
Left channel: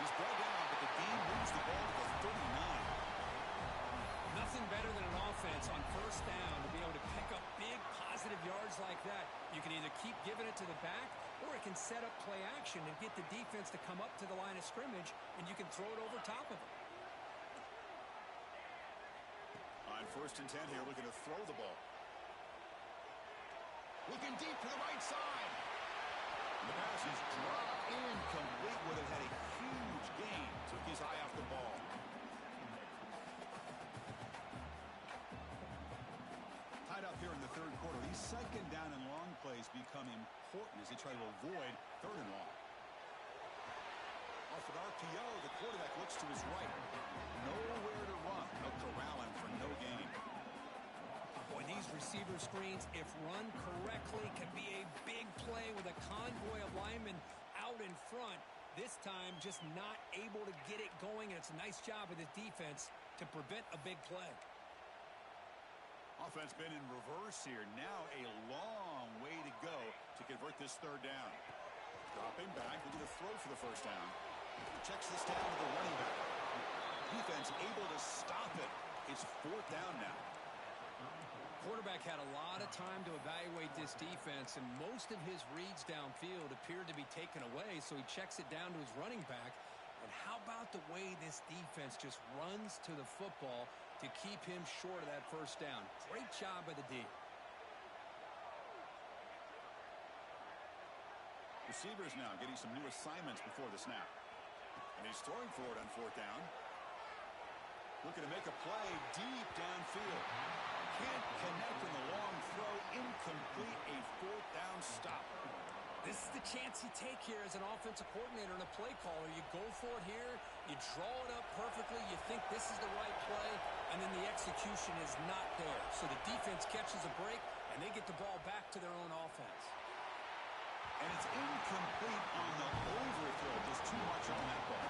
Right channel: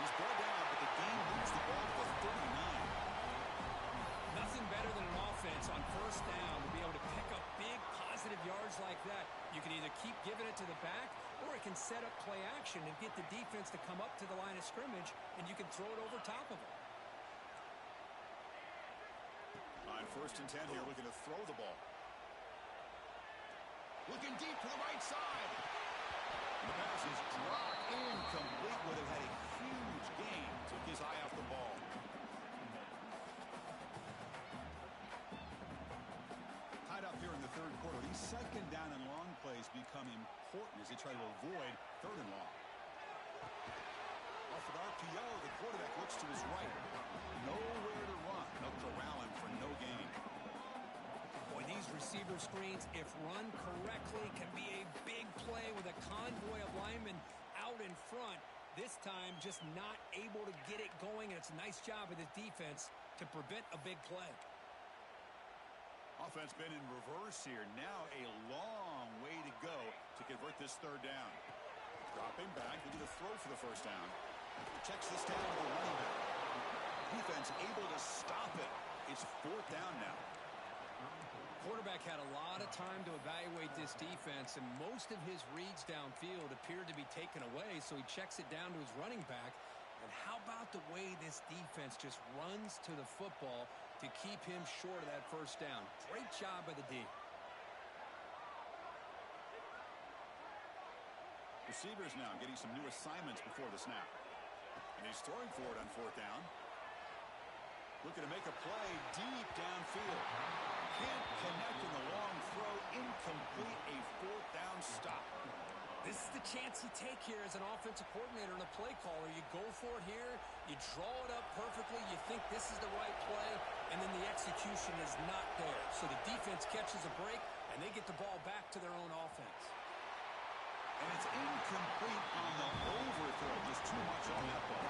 He's brought down, but the game moves the ball to the 39. Nothing better than an offense on first down to be able to pick up big positive yards like that. You can either keep giving it to the back, or it can set up play action and get the defense to come up to the line of scrimmage, and you can throw it over top of them. On first and 10 here, looking to throw the ball. Looking deep to the right side. The pass is dropped, incomplete. Would have had a huge gain. Took his eye off the ball. Tied up here in the third quarter. These second down and long plays become important as they try to avoid third and long. Off an RPO, the quarterback looks to his right. Nowhere to run. They'll corral him for no gain. Boy, these receiver screens, if run correctly, can be a big play with a convoy of linemen out in front. This time, just not able to get it going, and it's a nice job of the defense to prevent a big play. Offense been in reverse here. Now a long way to go to convert this third down. Dropping back, looking to throw for the first down. Checks this down to the running back. Defense able to stop it. It's fourth down now. Quarterback had a lot of time to evaluate this defense, and most of his reads downfield appeared to be taken away, so he checks it down to his running back. And how about the way this defense just runs to the football to keep him short of that first down? Great job by the D. Receivers now getting some new assignments before the snap. And he's throwing for it on fourth down. Looking to make a play deep downfield. Can't connect in the long throw. Incomplete. A fourth down stop. This is the chance you take here as an offensive coordinator and a play caller. You go for it here. You draw it up perfectly. You think this is the right play, and then the execution is not there. So the defense catches a break, and they get the ball back to their own offense. And it's incomplete on the overthrow. Just too much on that ball.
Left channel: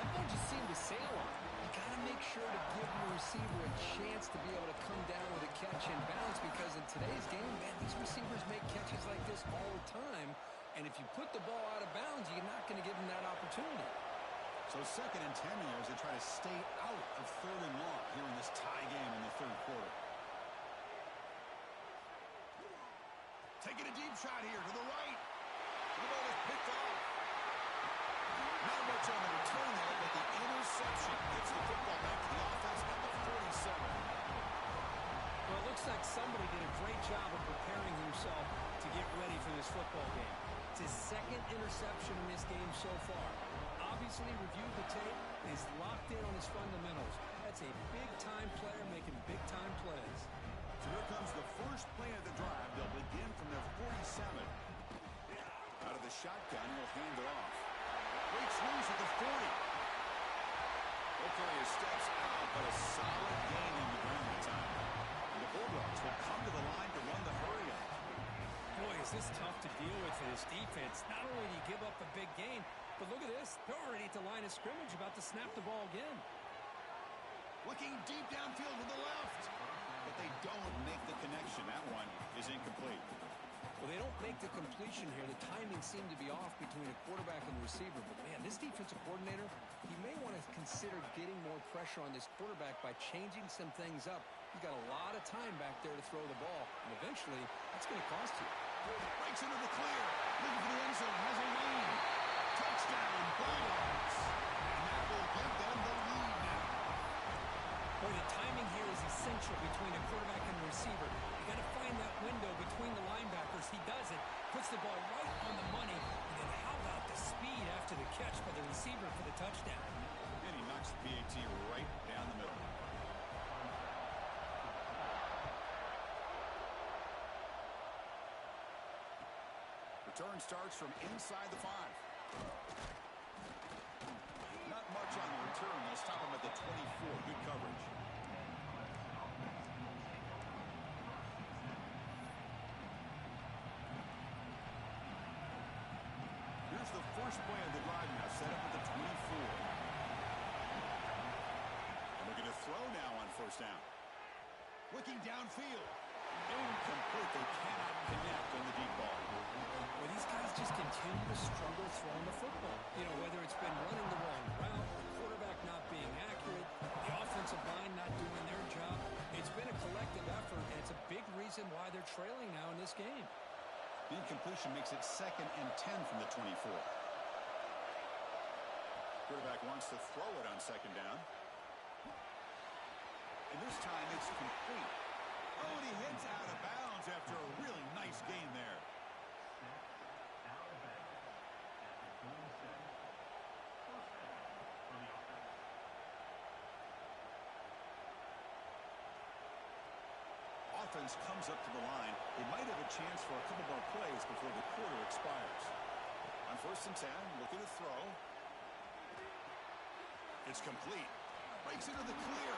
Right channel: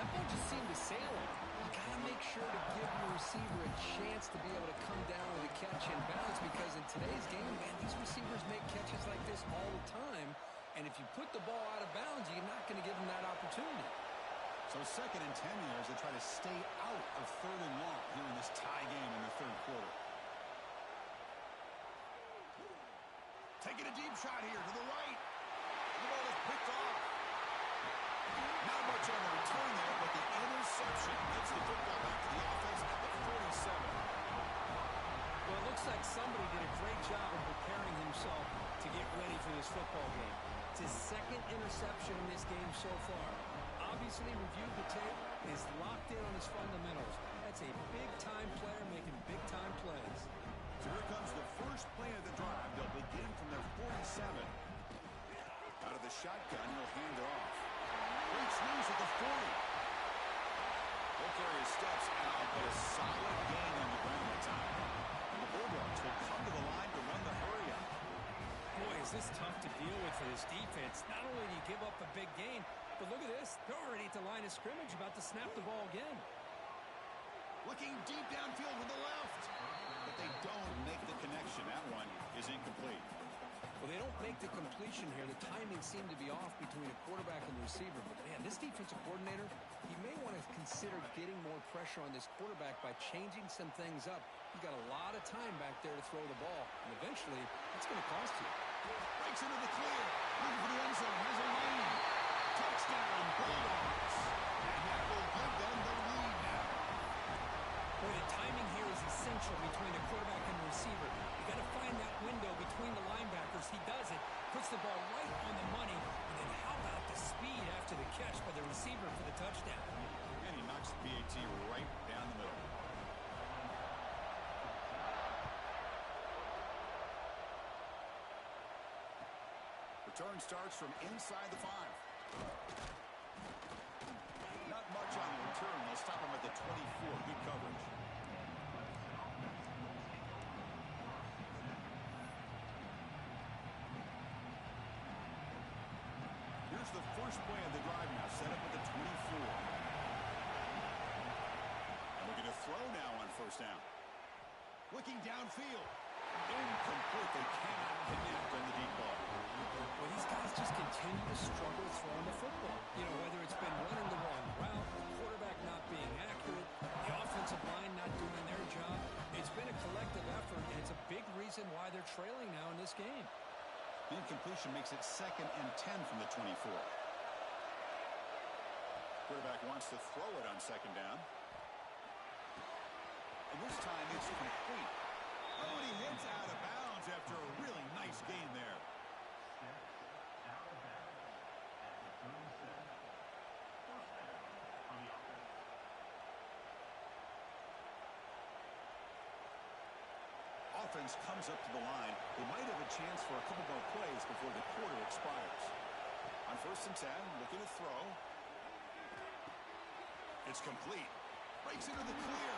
That ball just seemed to sail on. You got to make sure to give your receiver a chance to be able to come down with a catch in bounds, because in today's game, man, these receivers make catches like this all the time. And if you put the ball out of bounds, you're not going to give them that opportunity. So second and 10 here as they try to stay out of third and long here in this tie game in the third quarter. Taking a deep shot here to the right. The ball is picked off. Not much on the return there, but the interception gets the football back to the offense at the 47. Well, it looks like somebody did a great job of preparing himself to get ready for this football game. It's his second interception in this game so far. Obviously reviewed the tape, is locked in on his fundamentals. That's a big-time player making big-time plays. So here comes the first play of the drive. They'll begin from their 47. Out of the shotgun, he'll hand it off. Breaks loose at the 40. He'll carry his steps out, but a solid gain on the ground that time. And the Bulldogs will come to the line to run the hurry-up. Boy, is this tough to deal with for this defense. Not only do you give up a big gain, but look at this. They're already at the line of scrimmage, about to snap the ball again. Looking deep downfield to the left. But they don't make the connection. That one is incomplete. Well, they don't make the completion here. The timing seemed to be off between a quarterback and the receiver. But, man, this defensive coordinator, he may want to consider getting more pressure on this quarterback by changing some things up. He's got a lot of time back there to throw the ball. And eventually, that's going to cost you. Breaks into the clear. Looking for the end zone. Has a lane. Touchdown, Bulldogs. And that will give them the lead now. Boy, the timing here is essential between a quarterback and the receiver. You got to find that window between the linebackers. He does it, puts the ball right on the money, and then how about the speed after the catch by the receiver for the touchdown? And he knocks the PAT right down the middle. Return starts from inside the 5. Not much on the return. They'll stop him at the 24. Good coverage. Here's the first play of the drive now. Set up at the 24. And looking to throw now on first down. Looking downfield. Incomplete. They cannot connect on the deep ball. Well, these guys just continue to struggle throwing the football. You know, whether it's been running the wrong route, the quarterback not being accurate, the offensive line not doing their job. It's been a collective effort, and it's a big reason why they're trailing now in this game. The incompletion makes it 2nd and 10 from the 24. Quarterback wants to throw it on 2nd down. And this time it's complete. Oh, and he heads out of bounds after a really nice gain there. Offense comes up to the line. They might have a chance for a couple more plays before the quarter expires. On 1st and 10, looking to throw. It's complete. Breaks into the clear.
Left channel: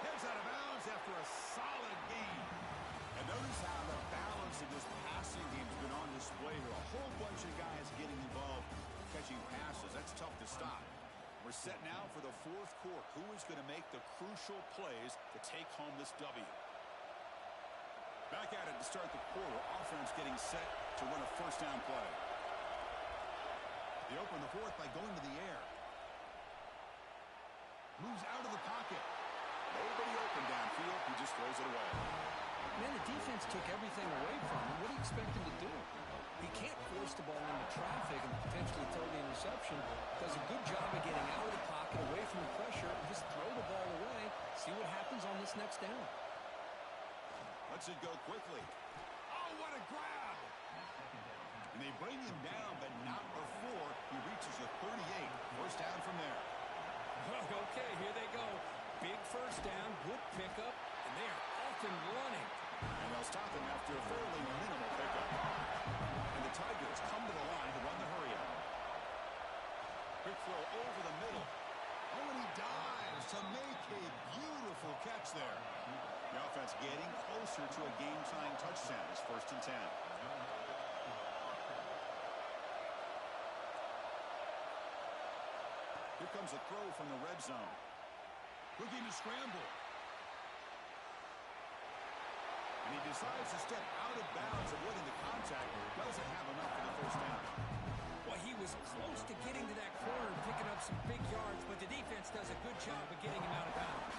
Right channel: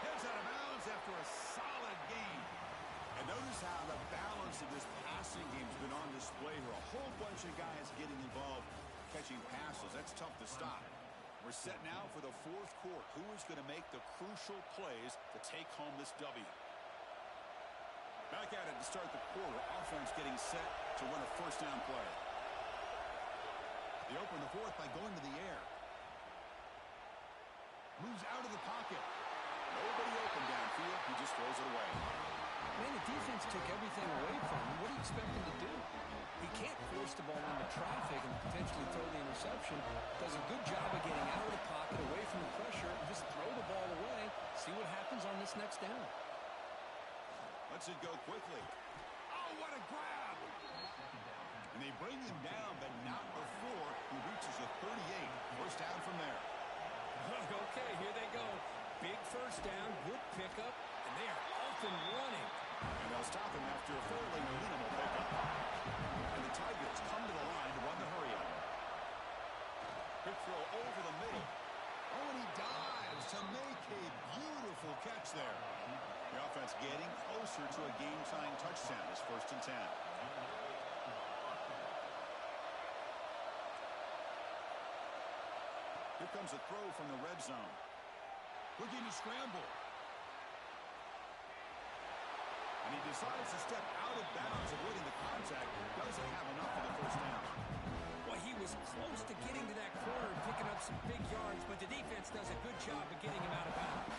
Heads out of bounds after a solid gain. And notice how the balance of this passing game has been on display here. A whole bunch of guys getting involved catching passes. That's tough to stop. We're set now for the 4th quarter. Who is going to make the crucial plays to take home this W? Back at it to start the quarter. Offense getting set to run a first down play. They open the 4th by going to the air. Moves out of the pocket. Nobody open downfield. He just throws it away. Man, the defense took everything away from him. What do you expect him to do? He can't force the ball into traffic and potentially throw the interception. Does a good job of getting out of the pocket, away from the pressure, and just throw the ball away. See what happens on this next down. Lets it go quickly. Oh, what a grab! And they bring him down, but not before he reaches a 38. First down from there. Okay, here they go. Big first down, good pickup, and they are off and running. And they'll stop him after a fairly minimal pickup. And the Tigers come to the line to run the hurry-up. Quick throw over the middle. Oh, and he dives to make a beautiful catch there. The offense getting closer to a game-tying touchdown. It's 1st and 10. Here comes a throw from the red zone. Looking to scramble. And he decides to step out of bounds, avoiding the contact. Doesn't have enough for the first down. Well, he was close to getting to that corner and picking up some big yards, but the defense does a good job of getting him out of bounds.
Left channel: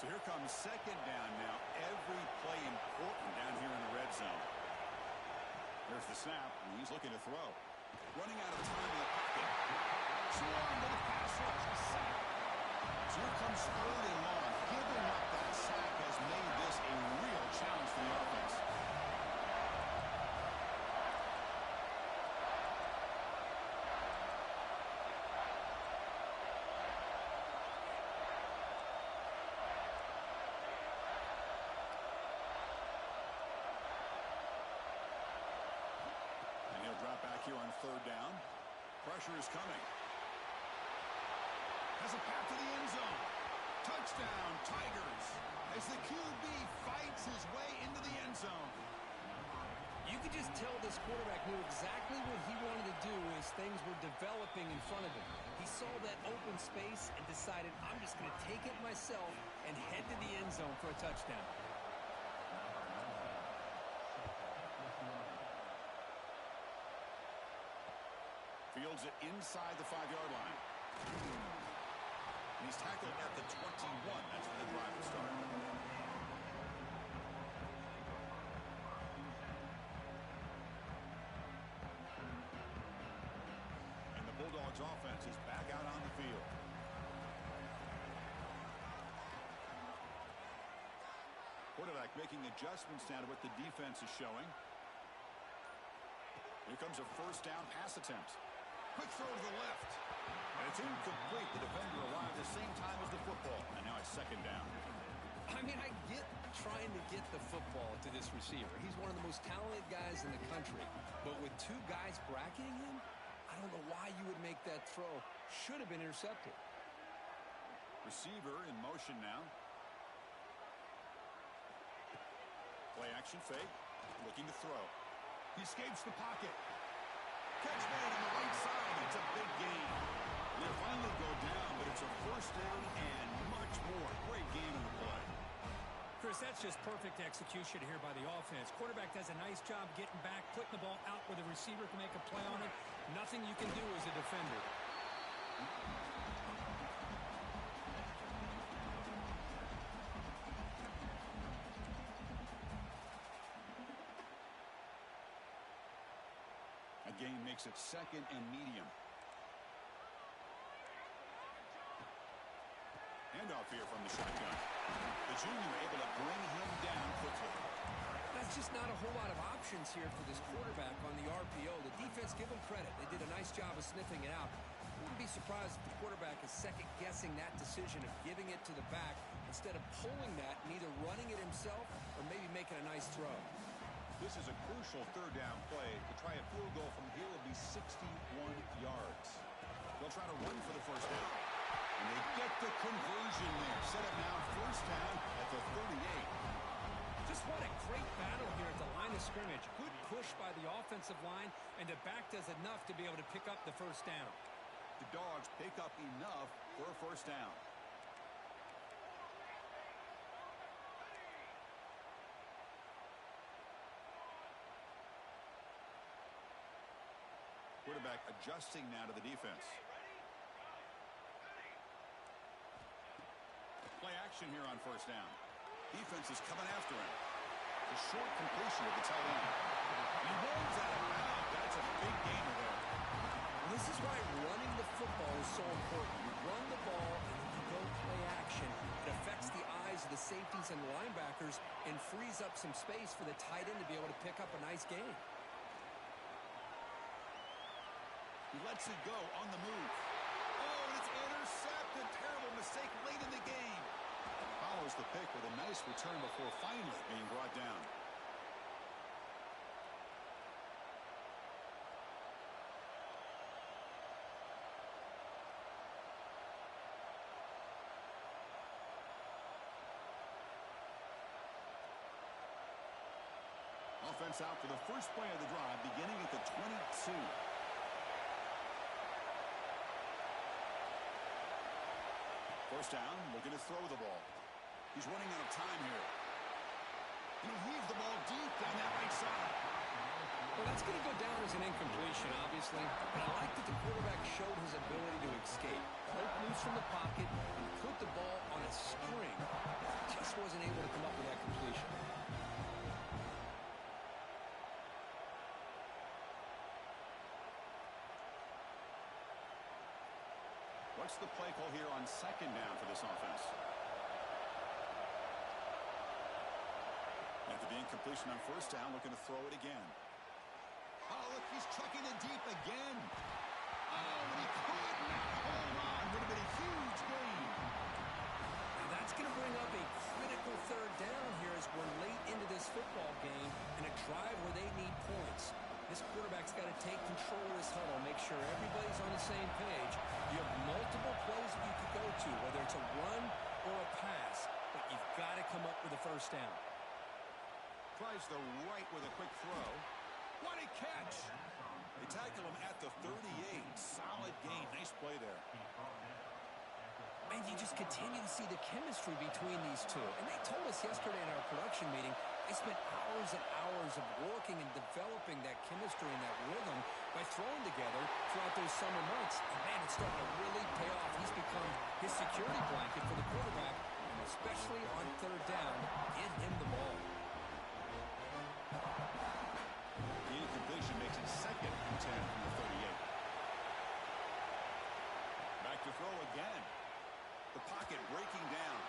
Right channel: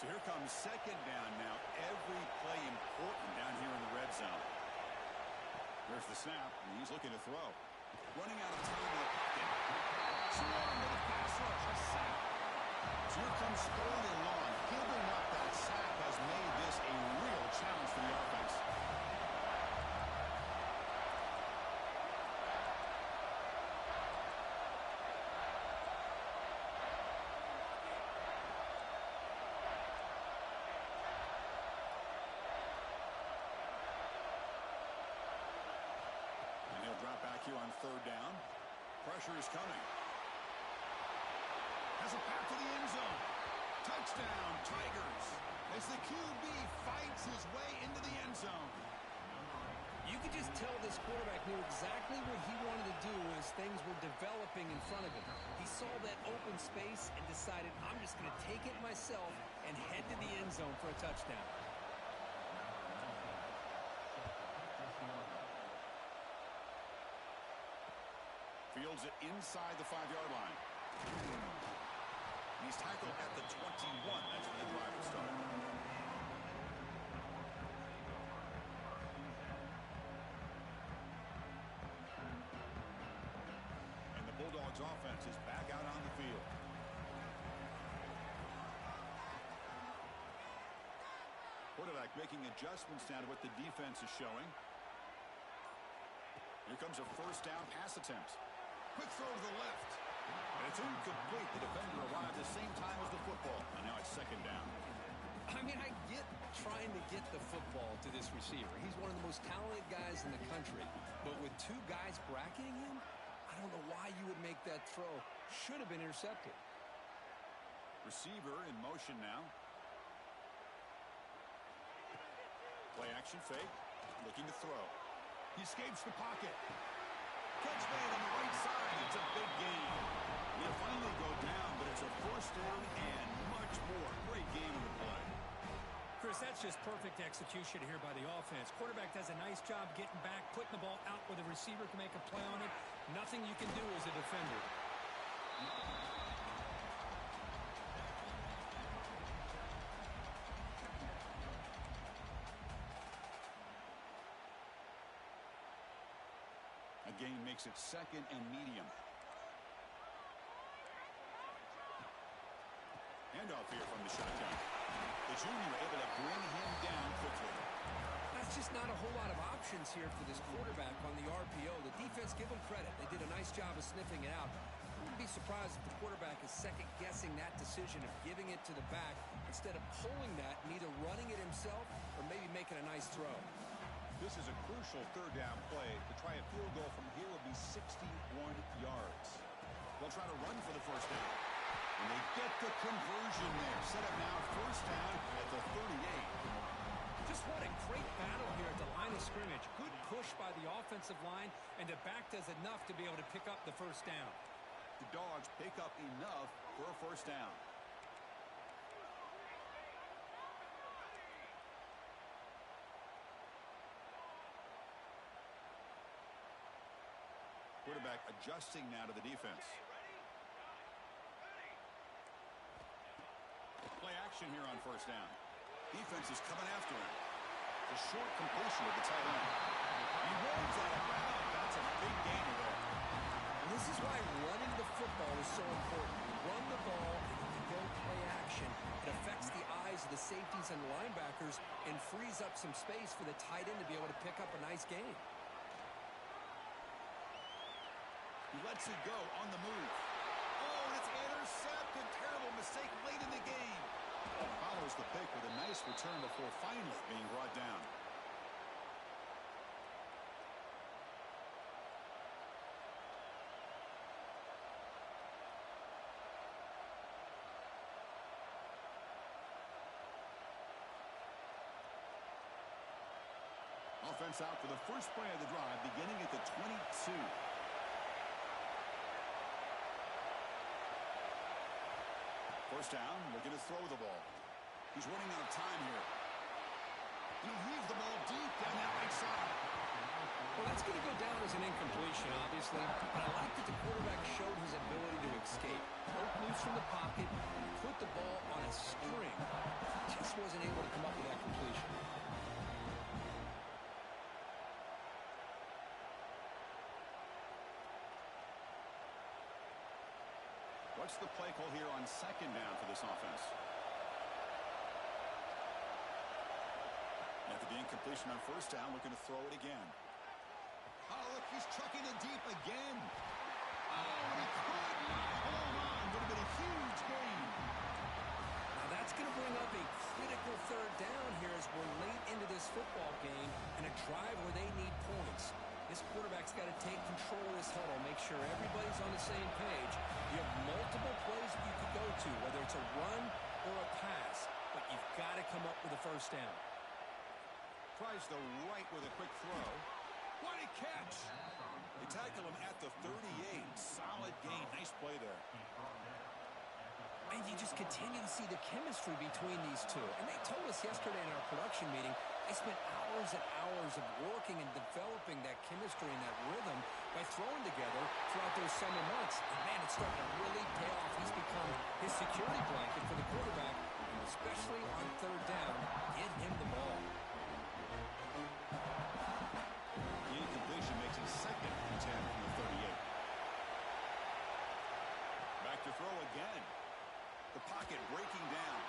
So here comes 2nd down now. Every play important down here in the red zone. There's the snap, and he's looking to throw. Running out of time in the pocket. Swarm with a pass rush. A sack. So here comes 3rd and long. Giving up that sack has made this a real challenge for the offense. Drop back here on 3rd down. Pressure is coming. Has a path to the end zone. Touchdown, Tigers. As the QB fights his way into the end zone. You could just tell this quarterback knew exactly what he wanted to do as things were developing in front of him. He saw that open space and decided, I'm just going to take it myself and head to the end zone for a touchdown. Fields it inside the 5-yard line. And he's tackled at the 21. That's where the drive will start. And the Bulldogs offense is back out on the field. Quarterback making adjustments now to what the defense is showing. Here comes a 1st down pass attempt. Quick throw to the left. And it's incomplete. The defender arrived the same time as the football. And now it's 2nd down. I mean, I get trying to get the football to this receiver. He's one of the most talented guys in the country. But with 2 guys bracketing him, I don't know why you would make that throw. Should have been intercepted. Receiver in motion now. Play action fake. Looking to throw. He escapes the pocket. Catch made on the right side. It's a big gain. They'll finally go down, but it's a 1st down and much more. Great game in the play. Chris, that's just perfect execution here by the offense. Quarterback does a nice job getting back, putting the ball out where the receiver can make a play on it. Nothing you can do as a defender. Gain makes it 2nd and medium. Handoff here from the shotgun. The junior able to bring him down quickly. That's just not a whole lot of options here for this quarterback on the RPO. The defense, give them credit. They did a nice job of sniffing it out. I wouldn't be surprised if the quarterback is second-guessing that decision of giving it to the back instead of pulling that and either running it himself or maybe making a nice throw. This is a crucial 3rd down play. To try a field goal from here will be 61 yards. They'll try to run for the 1st down. And they get the conversion there. Set up now 1st down at the 38. Just what a great battle here at the line of scrimmage. Good push by the offensive line, and the back does enough to be able to pick up the 1st down. The Dogs pick up enough for a 1st down. Quarterback adjusting now to the defense. Play action here on 1st down. Defense is coming after him. It's a short completion of the tight end. He rolls out of bounds. That's a big gainer there. This is why running the football is so important. You run the ball, and if you go play action, it affects the eyes of the safeties and linebackers and frees up some space for the tight end to be able to pick up a nice gain. He lets it go on the move. Oh, and it's intercepted. Terrible mistake late in the game. Follows the pick with a nice return before finally being brought down. Offense out for the first play of the drive, beginning at the 22. First down, looking to throw the ball. He's running out of time here. He'll leave the ball deep down that right side. Well, that's going to go down as an incompletion, obviously. But I like that the quarterback showed his ability to escape. Broke loose from the pocket and put the ball on a string. Just wasn't able to come up with that completion. What's the play call here on second down for this offense? After the incompletion on first down, looking to throw it again. Oh, look, he's trucking it deep again. Oh, and he could not hold on. Would have been a huge gain. Now that's going to bring up a critical third down here as we're late into this football game and a drive where they need points. This quarterback's got to take control of this huddle, make sure everybody's on the same page. You have multiple plays that you could go to, whether it's a run or a pass, but you've got to come up with a first down. Tries the right with a quick throw. What a catch! They tackle him at the 38. Solid gain. Nice play there. And you just continue to see the chemistry between these two. And they told us yesterday in our production meeting, they spent hours and hours of working and developing that chemistry and that rhythm by throwing together throughout those summer months. And, man, it's starting to really pay off. He's become his security blanket for the quarterback, and especially on third down, get him the ball. The incompletion makes it 2nd and 10 from the 38. Back to throw again. The pocket breaking down.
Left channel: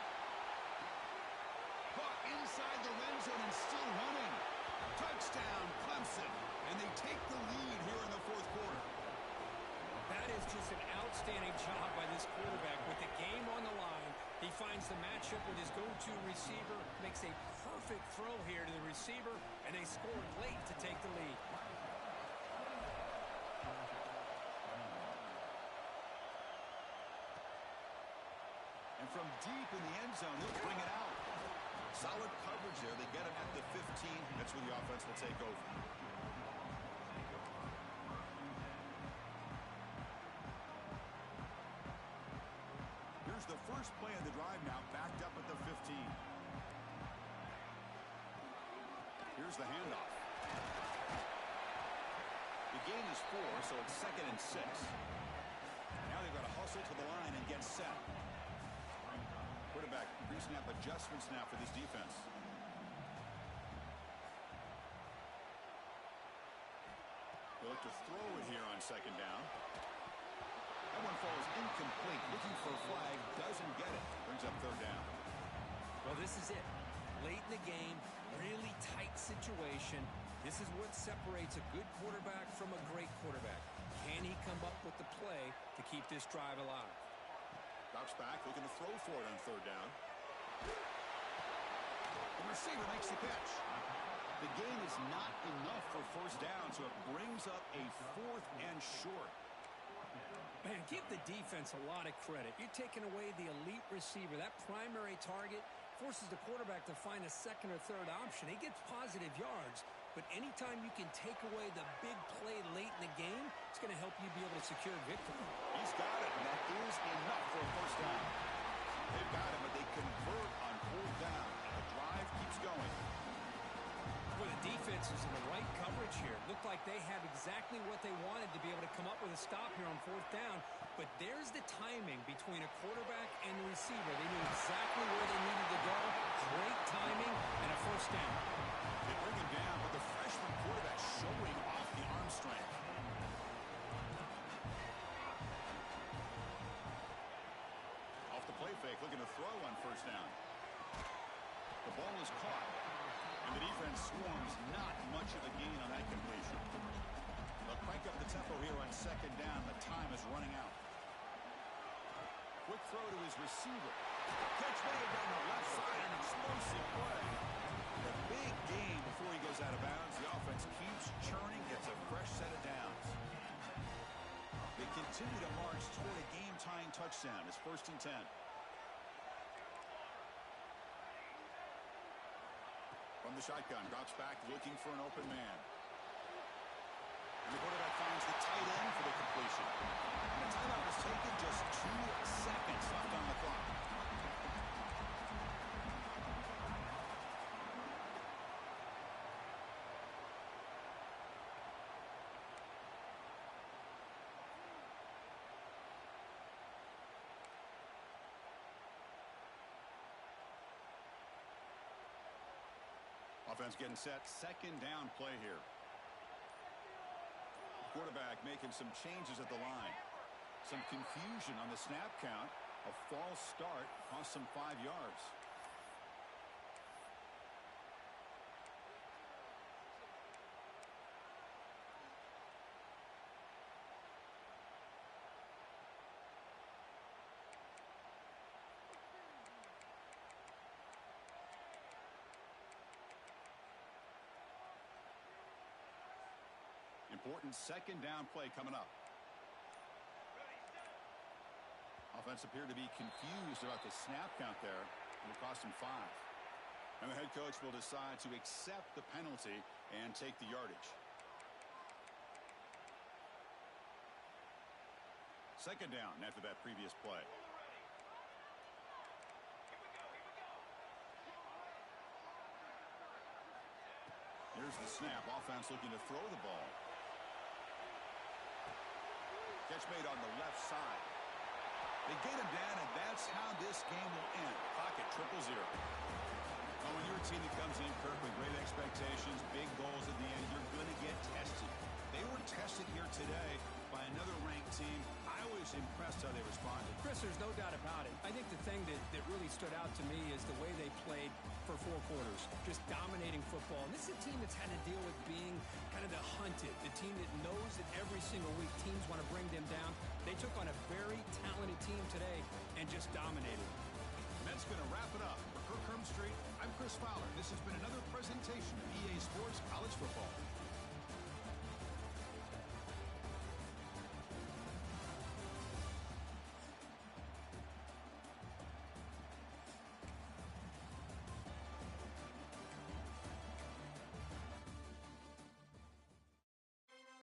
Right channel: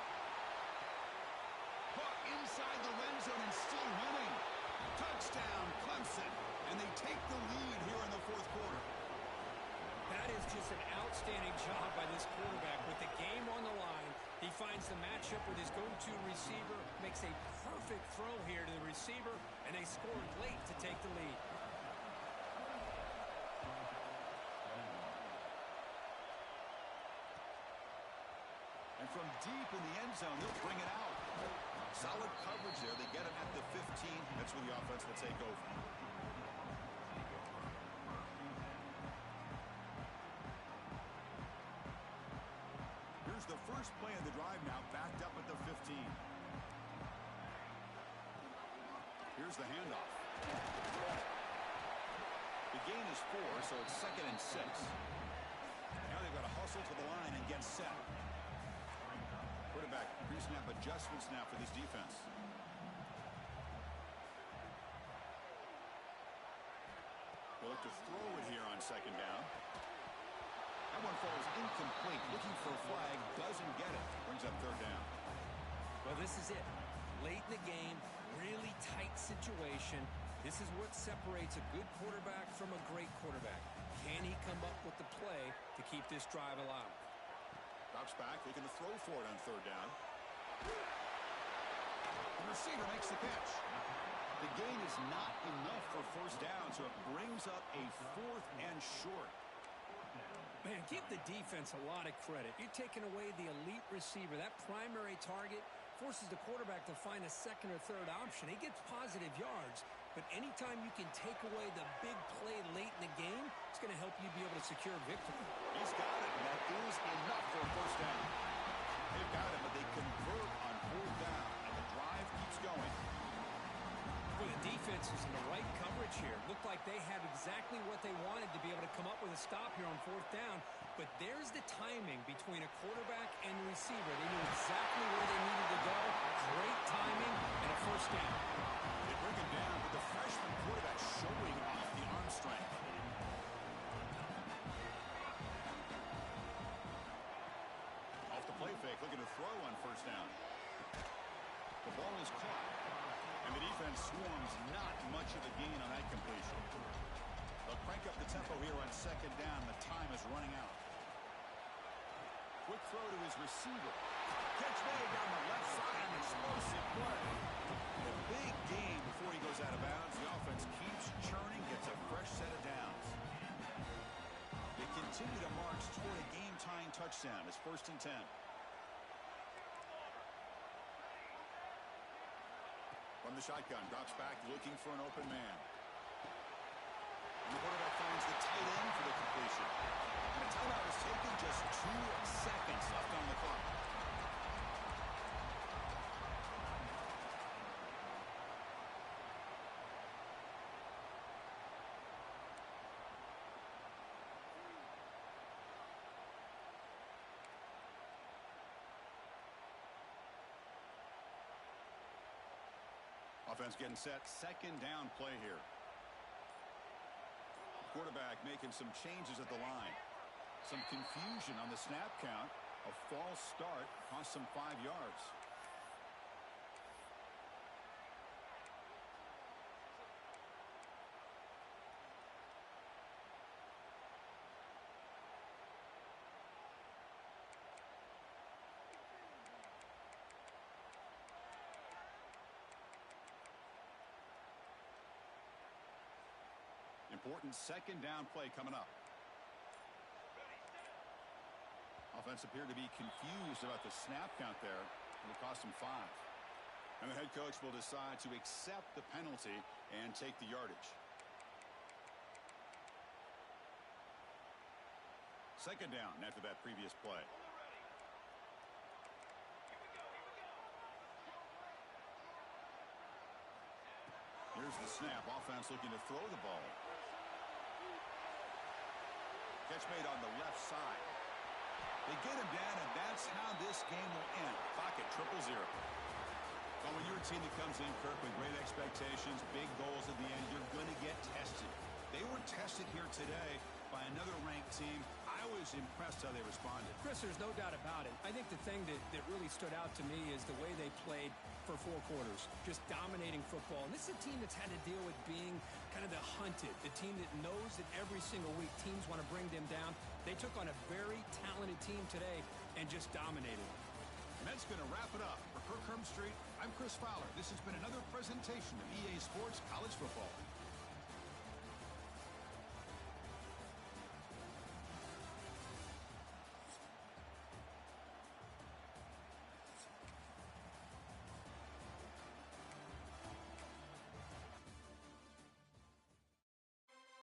Caught inside the red zone and still running. Touchdown, Clemson. And they take the lead here in the fourth quarter. That is just an outstanding job by this quarterback. With the game on the line, he finds the matchup with his go-to receiver, makes a perfect throw here to the receiver, and they scored late to take the lead. And from deep in the end zone, he'll bring it out. Solid coverage there. They get him at the 15. That's where the offense will take over. Here's the first play of the drive now, backed up at the 15. Here's the handoff. The gain is 4, so it's 2nd and 6. Now they've got to hustle to the line and get set. Quarterback pre-snap adjustments now for this defense. They'll look to throw it here on second down. That one falls incomplete. Looking for a flag, doesn't get it. Brings up third down. Well, this is it. Late in the game, really tight situation. This is what separates a good quarterback from a great quarterback. Can he come up with the play to keep this drive alive? Drops back, looking to throw for it on third down. The receiver makes the catch. The gain is not enough for first down, so it brings up a 4th and short. Man, give the defense a lot of credit. You're taking away the elite receiver. That primary target forces the quarterback to find a second or third option. He gets positive yards, but anytime you can take away the big play late in the game, it's going to help you be able to secure victory. He's got it, and that is enough for a first down. They've got it, but they convert on fourth down, and the drive keeps going. Well, the defense is in the right coverage here. Looked like they had exactly what they wanted to be able to come up with a stop here on fourth down. But there's the timing between a quarterback and the receiver. They knew exactly where they needed to go. Great timing and a first down. They bring him down, but the freshman quarterback showing off the arm strength. Off the play fake, looking to throw on first down. The ball is caught. And the defense swarms, not much of a gain on that completion. They'll crank up the tempo here on second down. The time is running out. Quick throw to his receiver. Catch made down the left side, an explosive play. A big gain before he goes out of bounds. The offense keeps churning, gets a fresh set of downs. They continue to march toward a game-tying touchdown. It's 1st and 10. From the shotgun, drops back, looking for an open man. And the quarterback finds the tight end for the completion. And a timeout is taken, just 2 seconds left on the clock. Offense getting set. Second down play here. Quarterback making some changes at the line. Some confusion on the snap count. A false start cost them 5 yards. Important second down play coming up. Offense appeared to be confused about the snap count there. It'll cost him 5. And the head coach will decide to accept the penalty and take the yardage. Second down after that previous play. Here's the snap. Offense looking to throw the ball. Catch made on the left side. They get him down, and that's how this game will end. Clock at 0-0. Well, when you're a team that comes in, Kirk, with great expectations, big goals at the end, you're going to get tested. They were tested here today by another ranked team. I was impressed how they responded. Chris, there's no doubt about it. I think the thing that really stood out to me is the way they played for 4 quarters, just dominating football. And this is a team that's had to deal with being kind of the hunted, the team that knows that every single week teams want to bring them down. They took on a very talented team today and just dominated. And that's going to wrap it up. For Kirk Herbstreit, I'm Chris Fowler. This has been another presentation of EA Sports College Football.